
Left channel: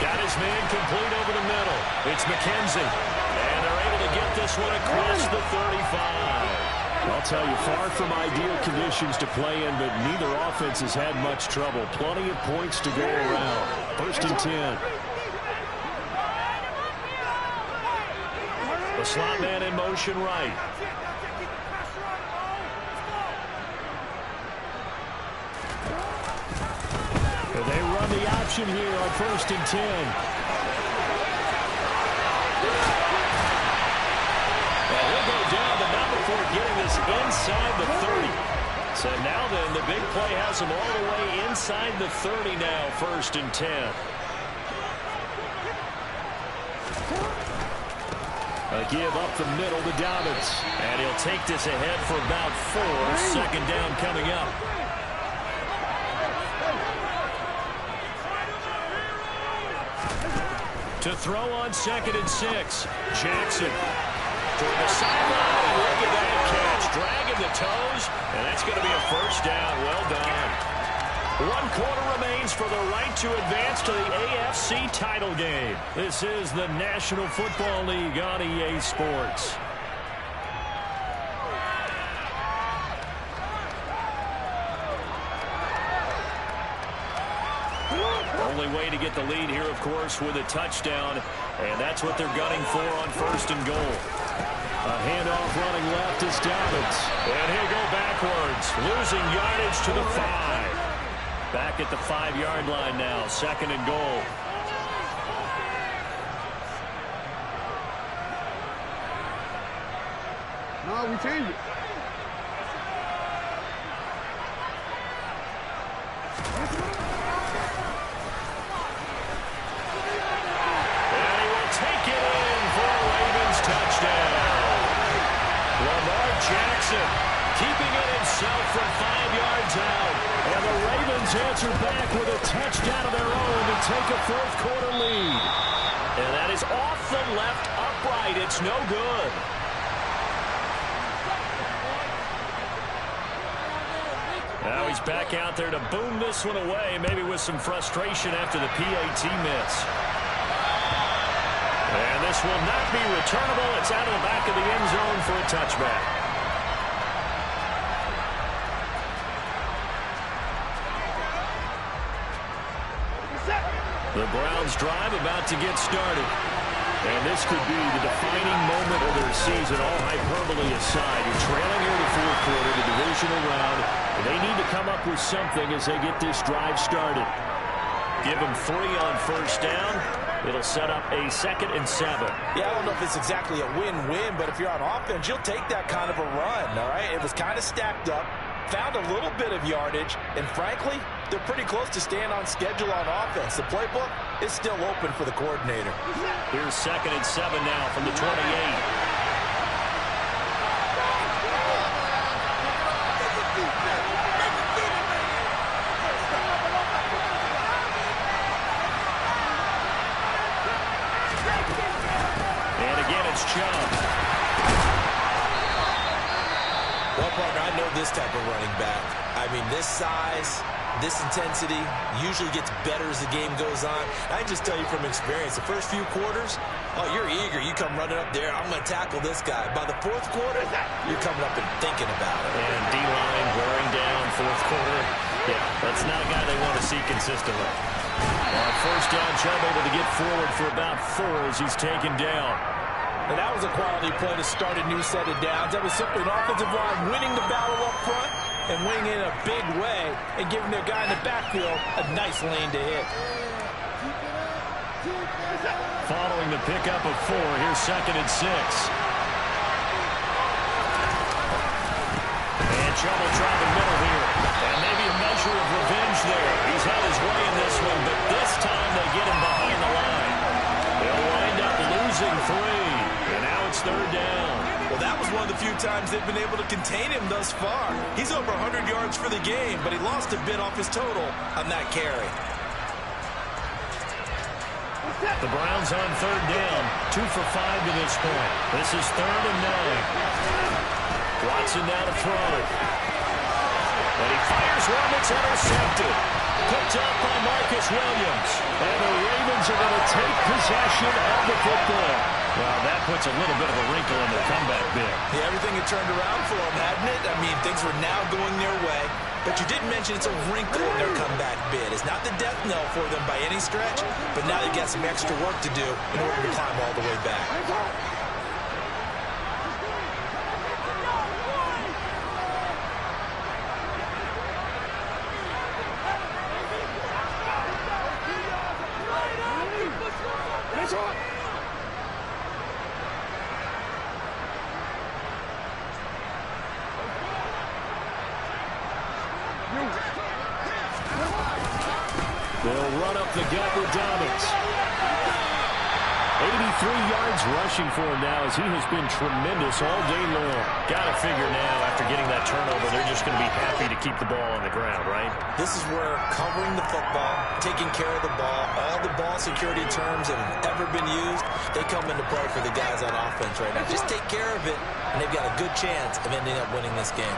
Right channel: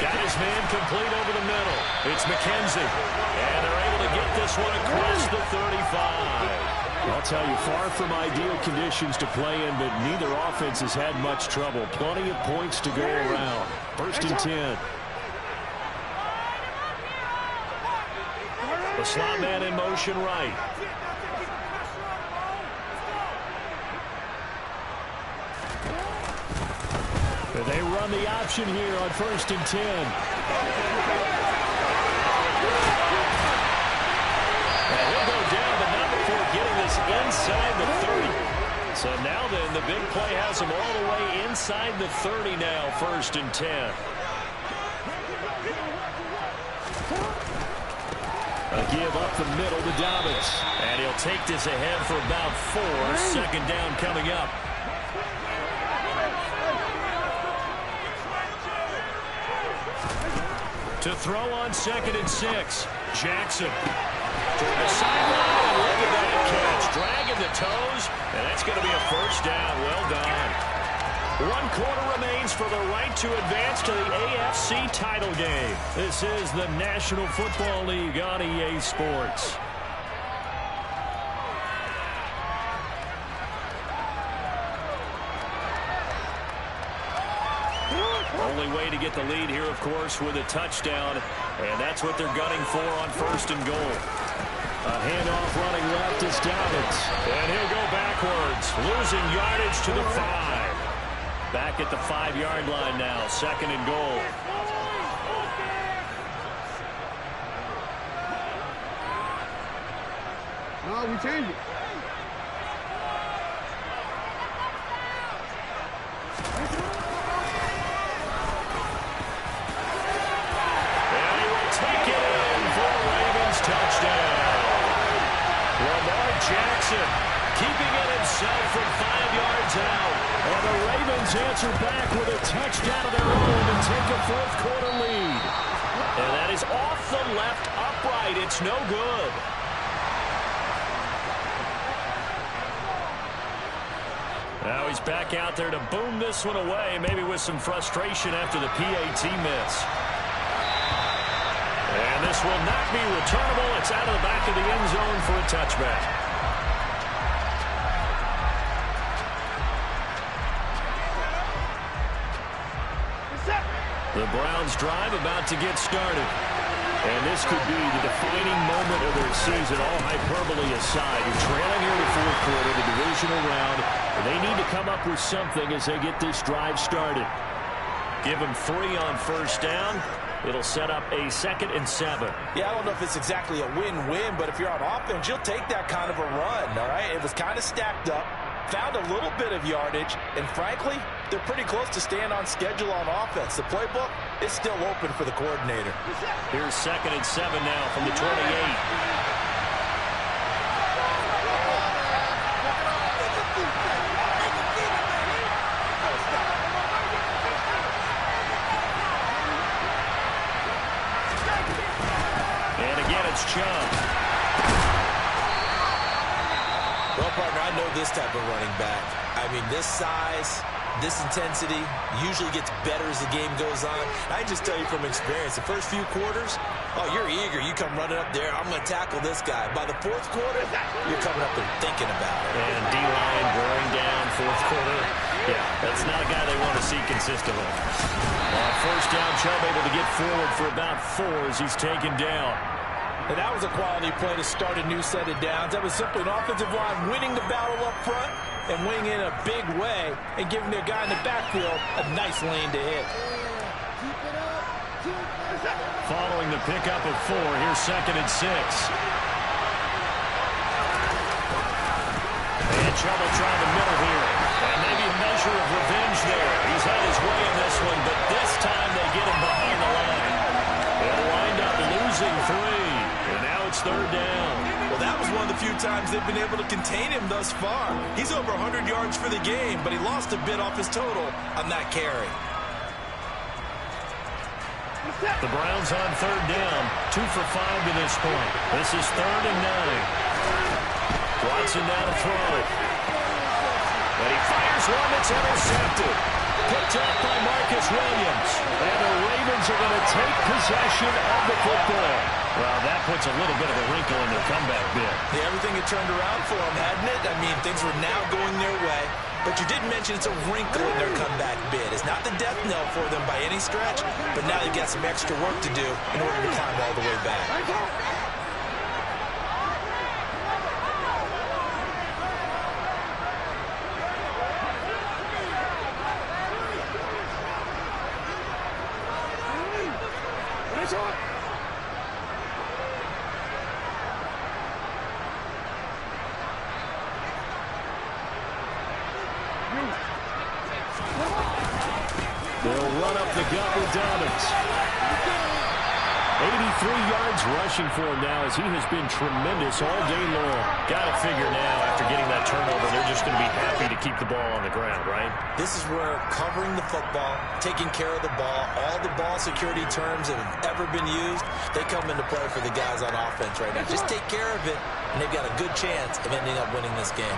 Got his man complete over the middle. It's McKenzie. And they're able to get this one across the 35. I'll tell you, far from ideal conditions to play in, but neither offense has had much trouble. Plenty of points to go around. 1st and 10. The slot man in motion right. They run the option here on 1st and 10. And he'll go down, but not before getting this inside the 30. So now then, the big play has him all the way inside the 30 now, 1st and 10. A give up the middle to Dobbins. And he'll take this ahead for about 4. 2nd down coming up. To throw on 2nd and 6. Jackson. Toward the sideline, and look at that catch. Dragging the toes, and that's going to be a 1st down. Well done. 1 quarter remains for the right to advance to the AFC title game. This is the National Football League on EA Sports. Only way to get the lead here, of course, with a touchdown, and that's what they're gunning for on 1st and goal. A handoff running left is Dobbins, and he'll go backwards, losing yardage to the 5. Back at the 5-yard line now, 2nd and goal. No, we change it. And he will take it in for a Ravens touchdown. Lamar Jackson keeping it himself from 5 yards out. And the Ravens answer back with a touchdown of their own and take a 4th quarter lead. And that is off the left upright. It's no good. Now he's back out there to boom this one away, maybe with some frustration after the PAT miss. And this will not be returnable. It's out of the back of the end zone for a touchback. The Browns drive about to get started. And this could be the defining moment of their season, all hyperbole aside. You're trailing here in the 4th quarter, the divisional round. And they need to come up with something as they get this drive started. Give them 3 on 1st down. It'll set up a 2nd and 7. Yeah, I don't know if it's exactly a win-win, but if you're on offense, you'll take that kind of a run, all right? It was kind of stacked up, found a little bit of yardage, and frankly, they're pretty close to staying on schedule on offense. The playbook is still open for the coordinator. Here's 2nd and 7 now from the 28. And again, it's Chubb. Well, partner, I know this type of running back. I mean, this size, this intensity usually gets better as the game goes on. I can just tell you from experience, the first few quarters, oh, you're eager. You come running up there, I'm going to tackle this guy. By the 4th quarter, you're coming up and thinking about it. And D-line wearing down 4th quarter. Yeah, that's not a guy they want to see consistently. On 1st down, Chubb able to get forward for about 4 as he's taken down. And that was a quality play to start a new set of downs. That was simply an offensive line winning the battle up front and winning in a big way and giving their guy in the backfield a nice lane to hit. Following the pickup of 4, here's 2nd and 6. And Chubb will try the middle here. And maybe a measure of revenge there. He's had his way in this one, but this time they get him behind the line. They'll wind up losing 3. And now it's 3rd down. Well, that was one of the few times they've been able to contain him thus far. He's over 100 yards for the game, but he lost a bit off his total on that carry. The Browns on 3rd down, 2 for 5 to this point. This is 3rd and 9. Watson now to throw. And he fires one that's intercepted. Picked up by Marcus Williams. And the Ravens are going to take possession of the football. Well, that puts a little bit of a wrinkle in their comeback bid. Yeah, everything had turned around for them, hadn't it? I mean, things were now going their way. But you did mention it's a wrinkle in their comeback bid. It's not the death knell for them by any stretch, but now they've got some extra work to do in order to climb all the way back. They'll run up the gut with Dobbins. 83 yards rushing for him now as he has been tremendous all day long. Got to figure now after getting that turnover, they're just going to be happy to keep the ball on the ground, right? This is where covering the football, taking care of the ball, all the ball security terms that have ever been used, they come into play for the guys on offense right now. Just take care of it, and they've got a good chance of ending up winning this game.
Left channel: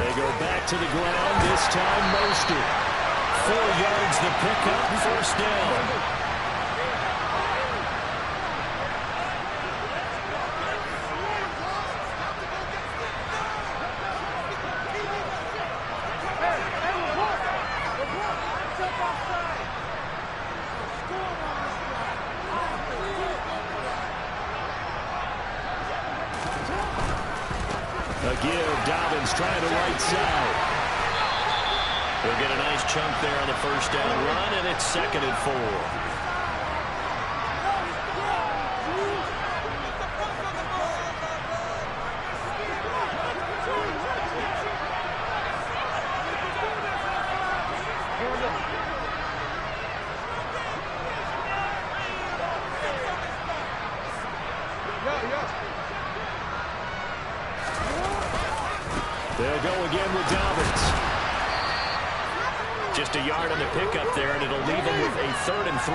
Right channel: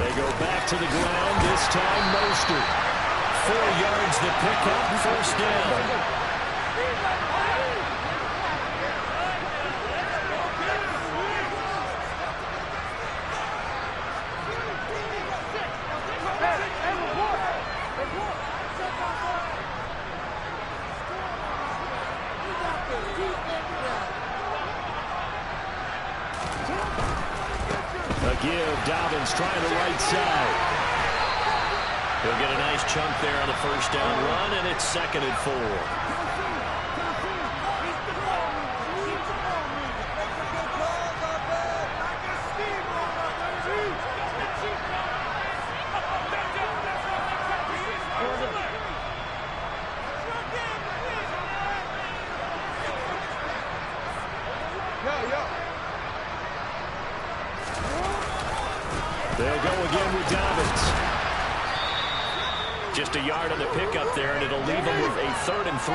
They go back to the ground, this time Mostert. 4 yards the pickup, first down. A give, Dobbins trying the right side. He'll get a nice chunk there on the first down run, and it's 2nd and 4. They'll go again with Dobbins. Just a yard on the pickup there, and it'll leave them with a 3rd and 3.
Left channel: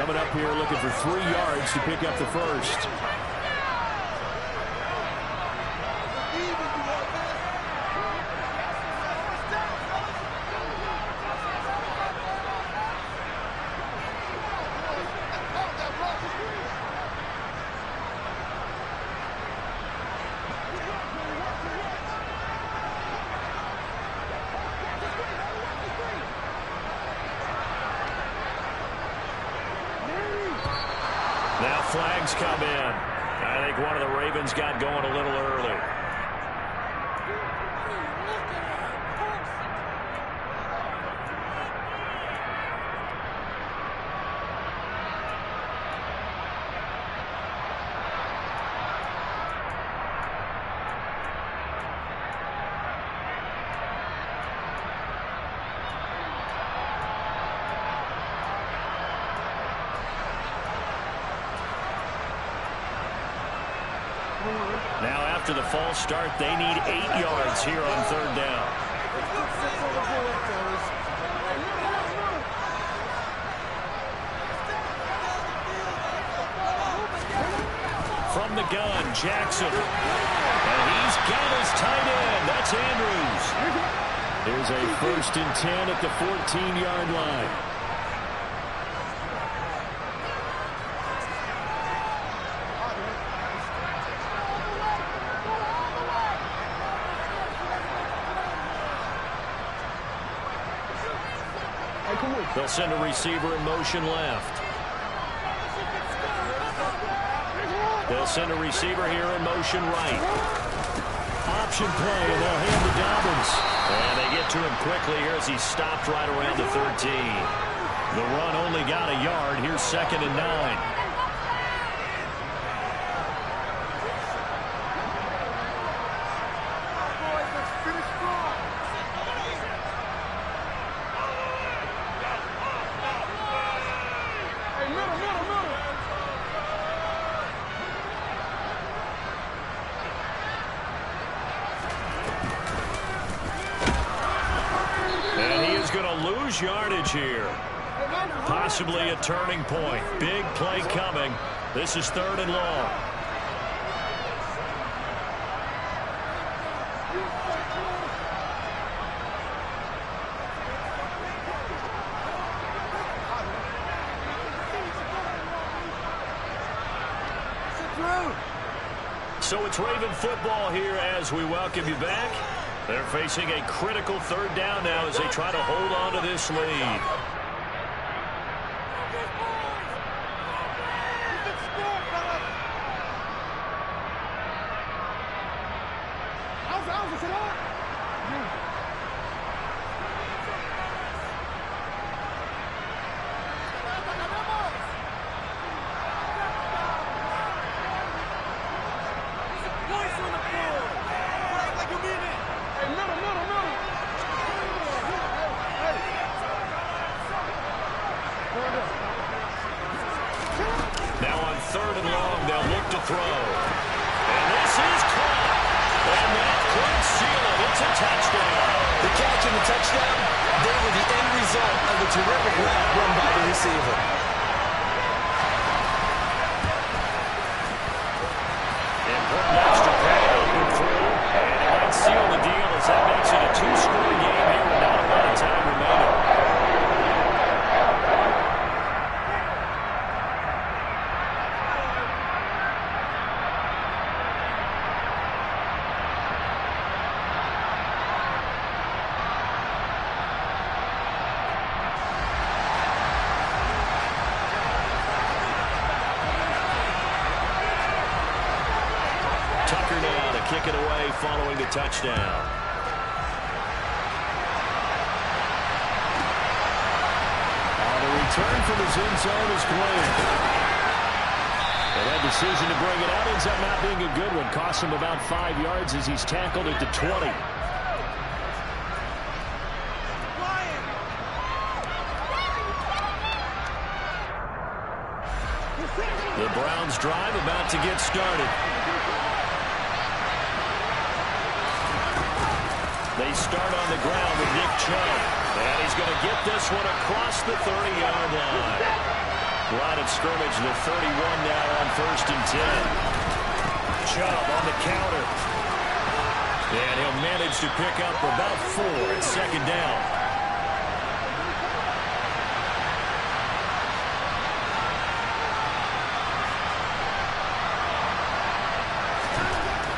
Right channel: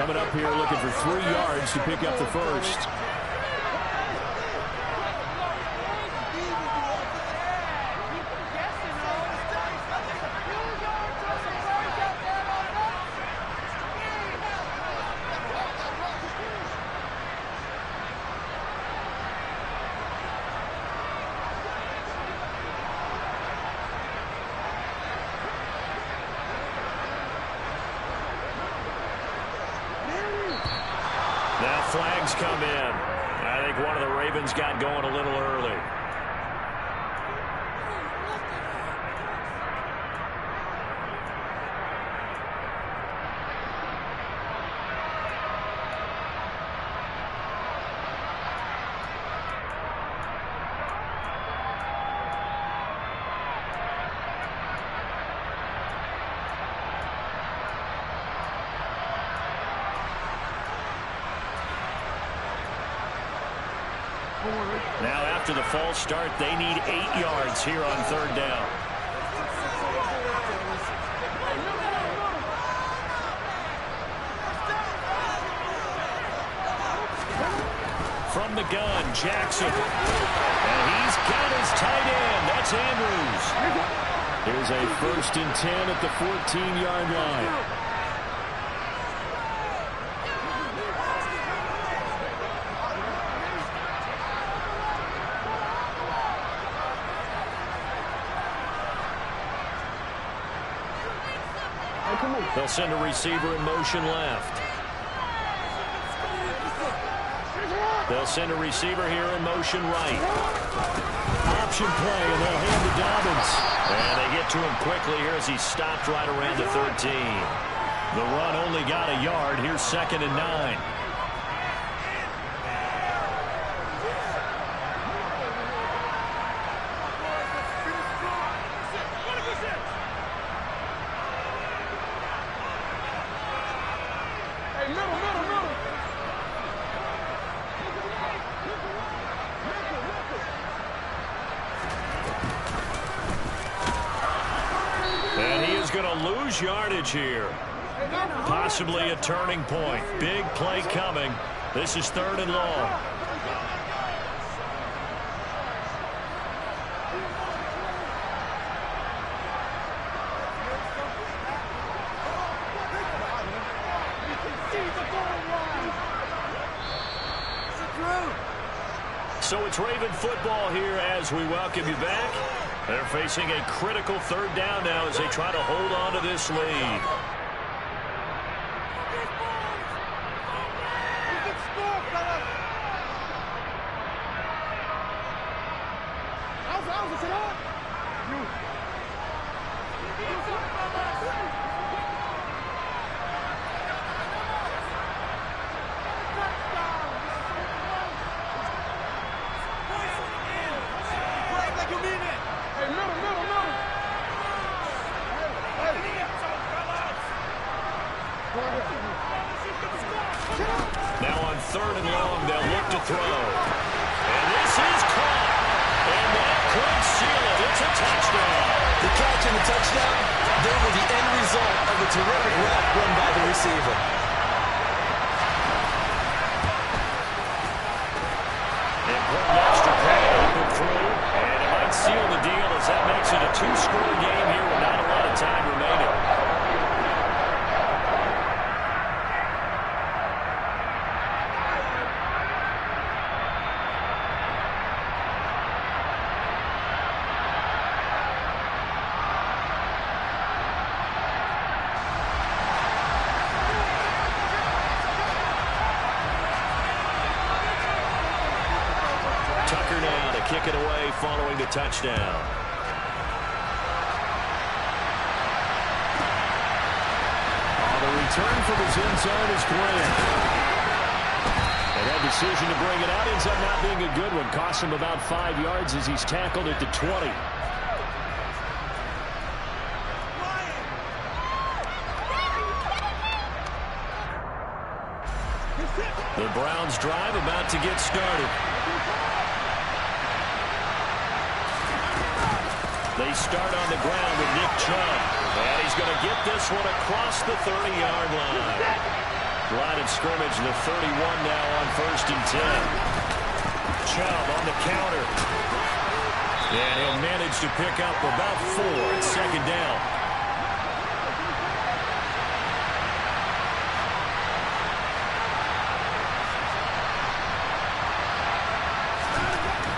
Coming up here looking for 3 yards to pick up the first. Now flags come in. I think one of the Ravens got going a little early. Now after the false start, they need 8 yards here on 3rd down. From the gun, Jackson. And he's got his tight end. That's Andrews. Here's a 1st and 10 at the 14-yard line. They'll send a receiver in motion left. They'll send a receiver here in motion right. Option play, and they'll hand to Dobbins. And they get to him quickly here as he stopped right around the 13. The run only got a yard. Here's 2nd and 9. Yardage here. Possibly a turning point. Big play coming. This is 3rd and long. So it's Raven football here as we welcome you back. They're facing a critical 3rd down now as they try to hold on to this lead. Now on 3rd and long, they'll look to throw. And this is caught. And that could seal it. It's a touchdown. The catch and the touchdown, they were the end result of a terrific route run by the receiver. Important extra pay up and through. And it might seal the deal as that makes it a 2-score game here with not a lot of time remaining. Tucker now to kick it away following the touchdown. On the return from his end zone is Grant. And that decision to bring it out ends up not being a good one. Costs him about 5 yards as he's tackled at the 20. The Browns drive about to get started. They start on the ground with Nick Chubb. And he's going to get this one across the 30-yard line. Line of scrimmage, the 31 now on 1st and 10. Chubb on the counter. And he'll manage to pick up about 4 at 2nd down.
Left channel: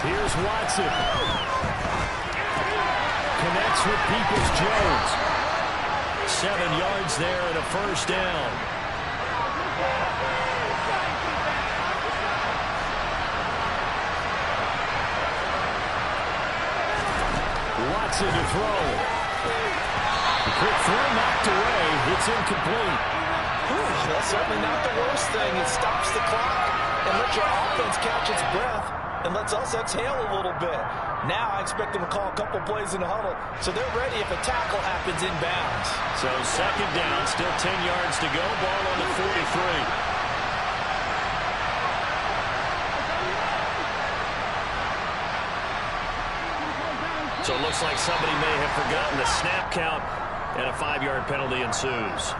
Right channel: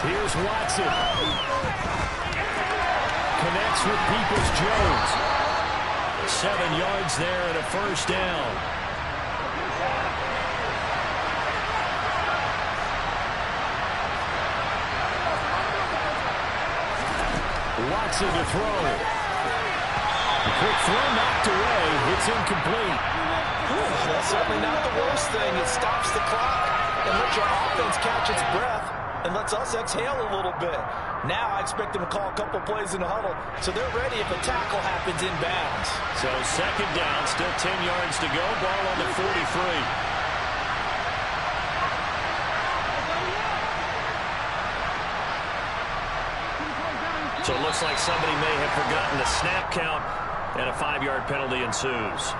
Here's Watson. Connects with Peoples-Jones. 7 yards there and a 1st down. Watson to throw. The quick throw knocked away. It's incomplete. That's certainly not the worst thing. It stops the clock and lets your offense catch its breath and lets us exhale a little bit. Now I expect them to call a couple plays in the huddle, so they're ready if a tackle happens inbounds. So 2nd down, still 10 yards to go. Ball on the 43. So it looks like somebody may have forgotten the snap count, and a 5-yard penalty ensues.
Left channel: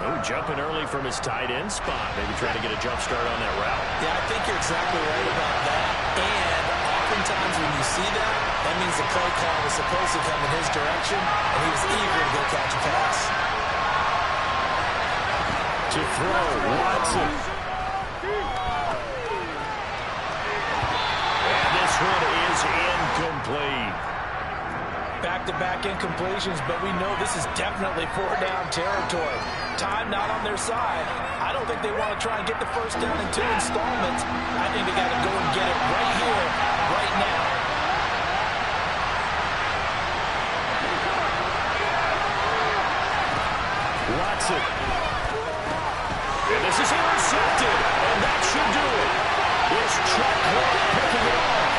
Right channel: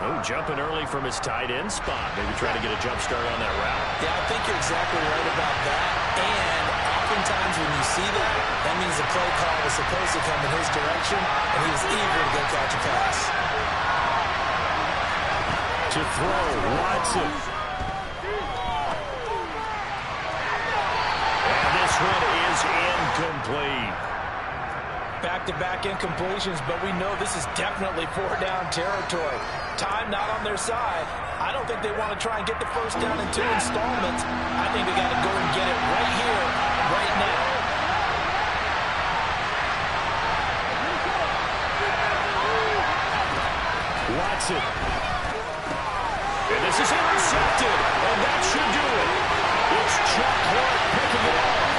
Oh, jumping early from his tight end spot. Maybe trying to get a jump start on that route. Yeah, I think you're exactly right about that. And oftentimes when you see that, that means the play call was supposed to come in his direction, and he was eager to go catch a pass. To throw, Watson. And this one is incomplete. Back-to-back incompletions, but we know this is definitely 4-down territory. Time not on their side. I don't think they want to try and get the 1st down in 2 installments. I think they got to go and get it right here, right now. Watson. And this is intercepted, and that should do it. It's Chuck Clark picking it off.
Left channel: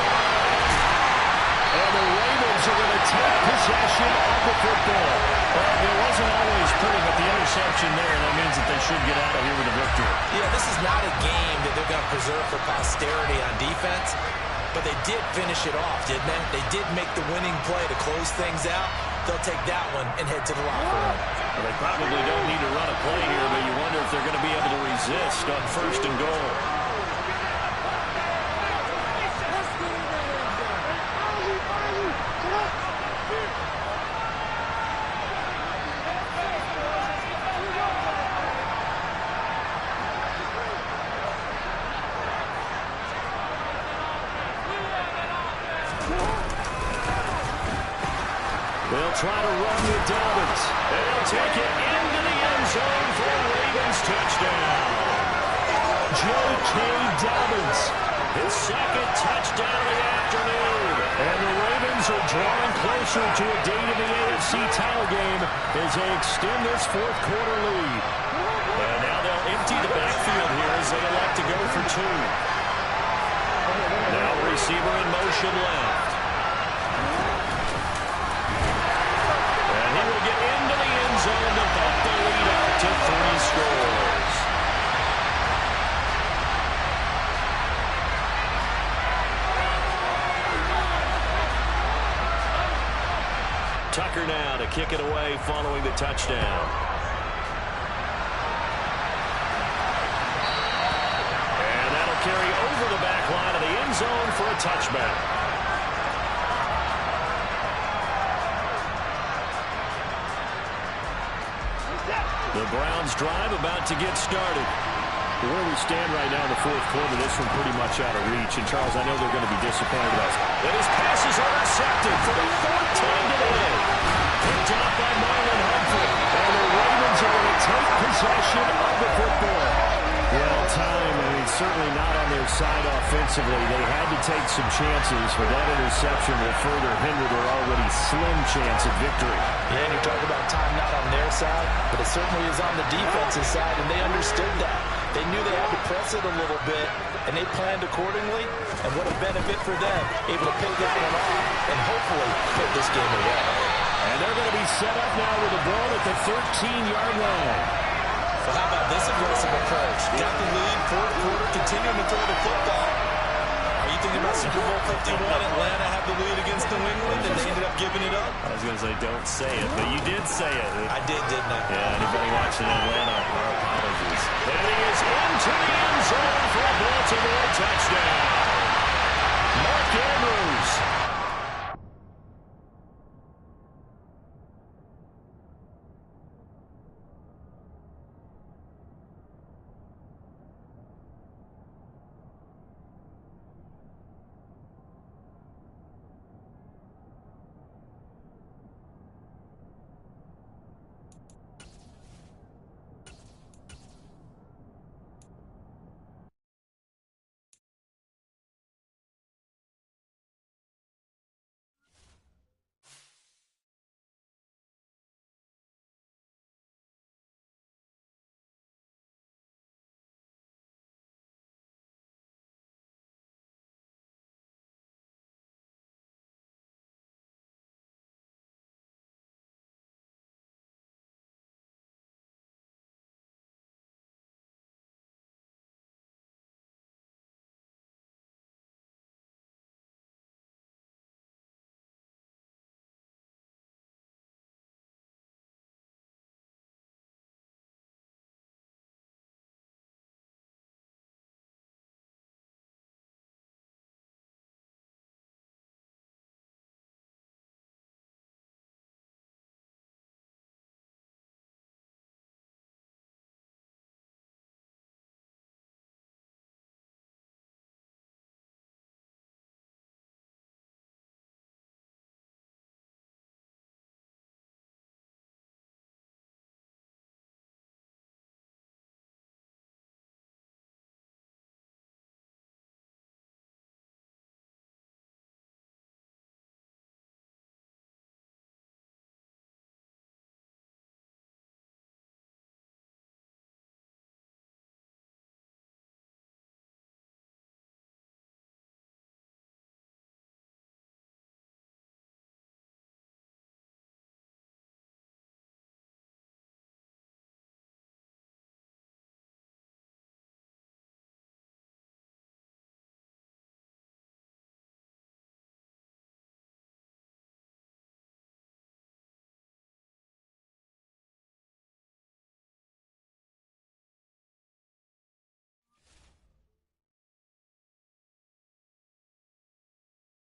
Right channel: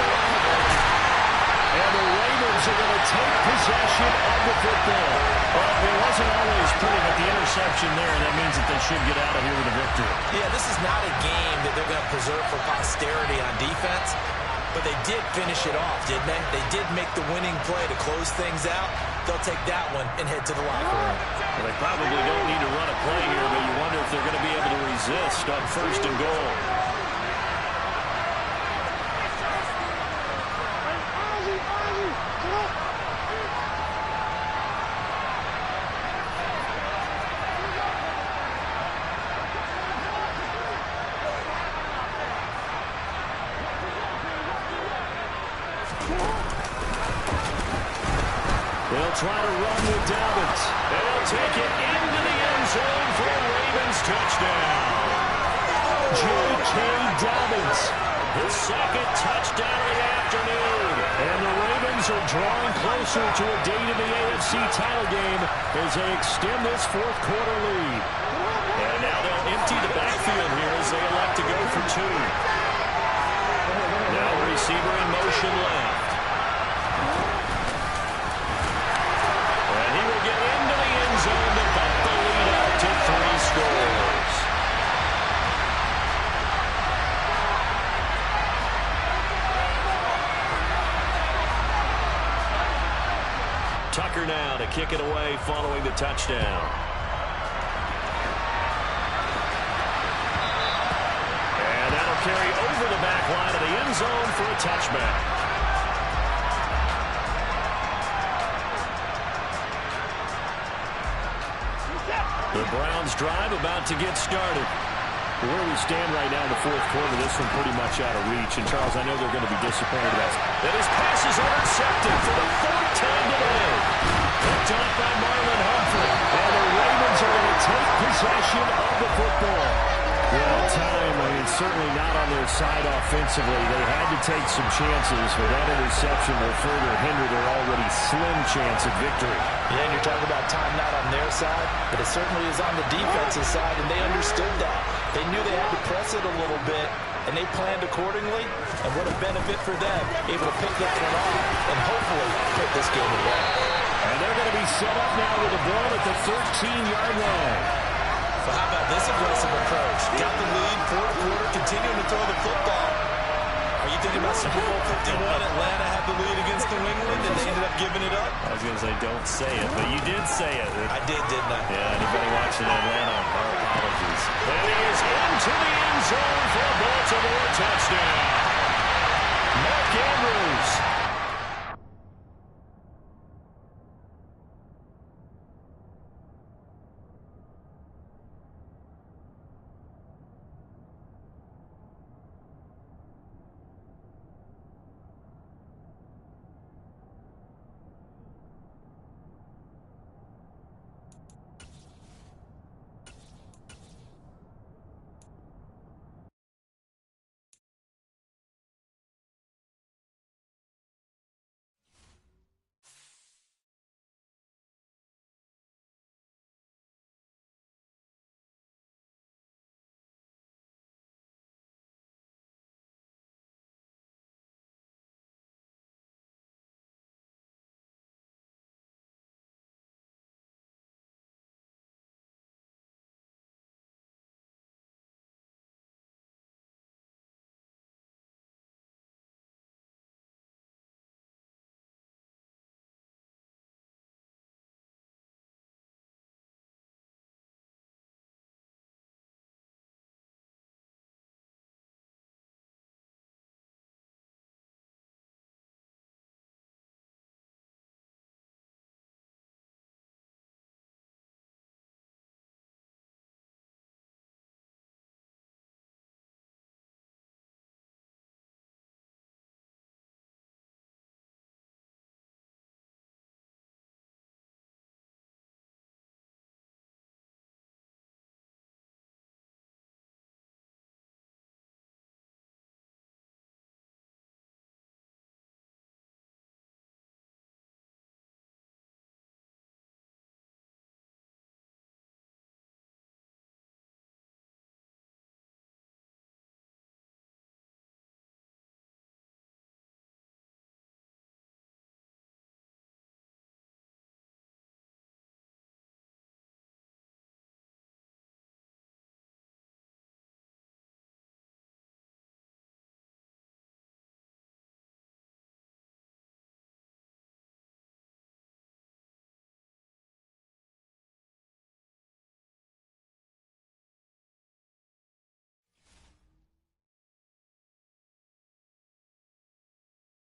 And the Ravens are going to take possession of the football. Well, it wasn't always pretty, but the interception there, that means that they should get out of here with a victory. Yeah, this is not a game that they're going to preserve for posterity on defense, but they did finish it off, didn't they? They did make the winning play to close things out. They'll take that one and head to the locker room. Well, they probably don't need to run a play here, but you wonder if they're going to be able to resist on 1st and goal. They'll try to run with Dobbins. And they'll take it into the end zone for a Ravens touchdown. J.K. Dobbins, his 2nd touchdown of the afternoon. And the Ravens are drawing closer to a date in the AFC title game as they extend this 4th quarter lead. And now they'll empty the backfield here as they elect to go for 2. Now receiver in motion left. And he will get into the end zone to bump the lead out to 3 scores. Tucker now to kick it away following the touchdown. And that'll carry over the back line of the end zone for a touchback. The Browns drive about to get started. Where we stand right now in the fourth quarter, this one pretty much out of reach. And, Charles, I know they're going to be disappointed about it. That his pass is intercepted for the 4th time today. Picked off by Marlon Humphrey. And the Ravens are going to take possession of the football. Well, time, certainly not on their side offensively. They had to take some chances, but that interception will further hinder their already slim chance at victory. Yeah, and you're talking about time not on their side, but it certainly is on the defensive side, and they understood that. They knew they had to press it a little bit, and they planned accordingly, and what a benefit for them, able to pick that one off and hopefully put this game away. And they're going to be set up now with the ball at the 13-yard line. So how about this aggressive approach? Got the lead, fourth quarter, continuing to throw the football. Are you thinking about Super Bowl 51? Atlanta had the lead against New England, and they ended up giving it up? I was going to say don't say it, but you did say it. I did, didn't I? Yeah, anybody watching Atlanta, our apologies. And he is into the end zone for a Baltimore touchdown. Mark Andrews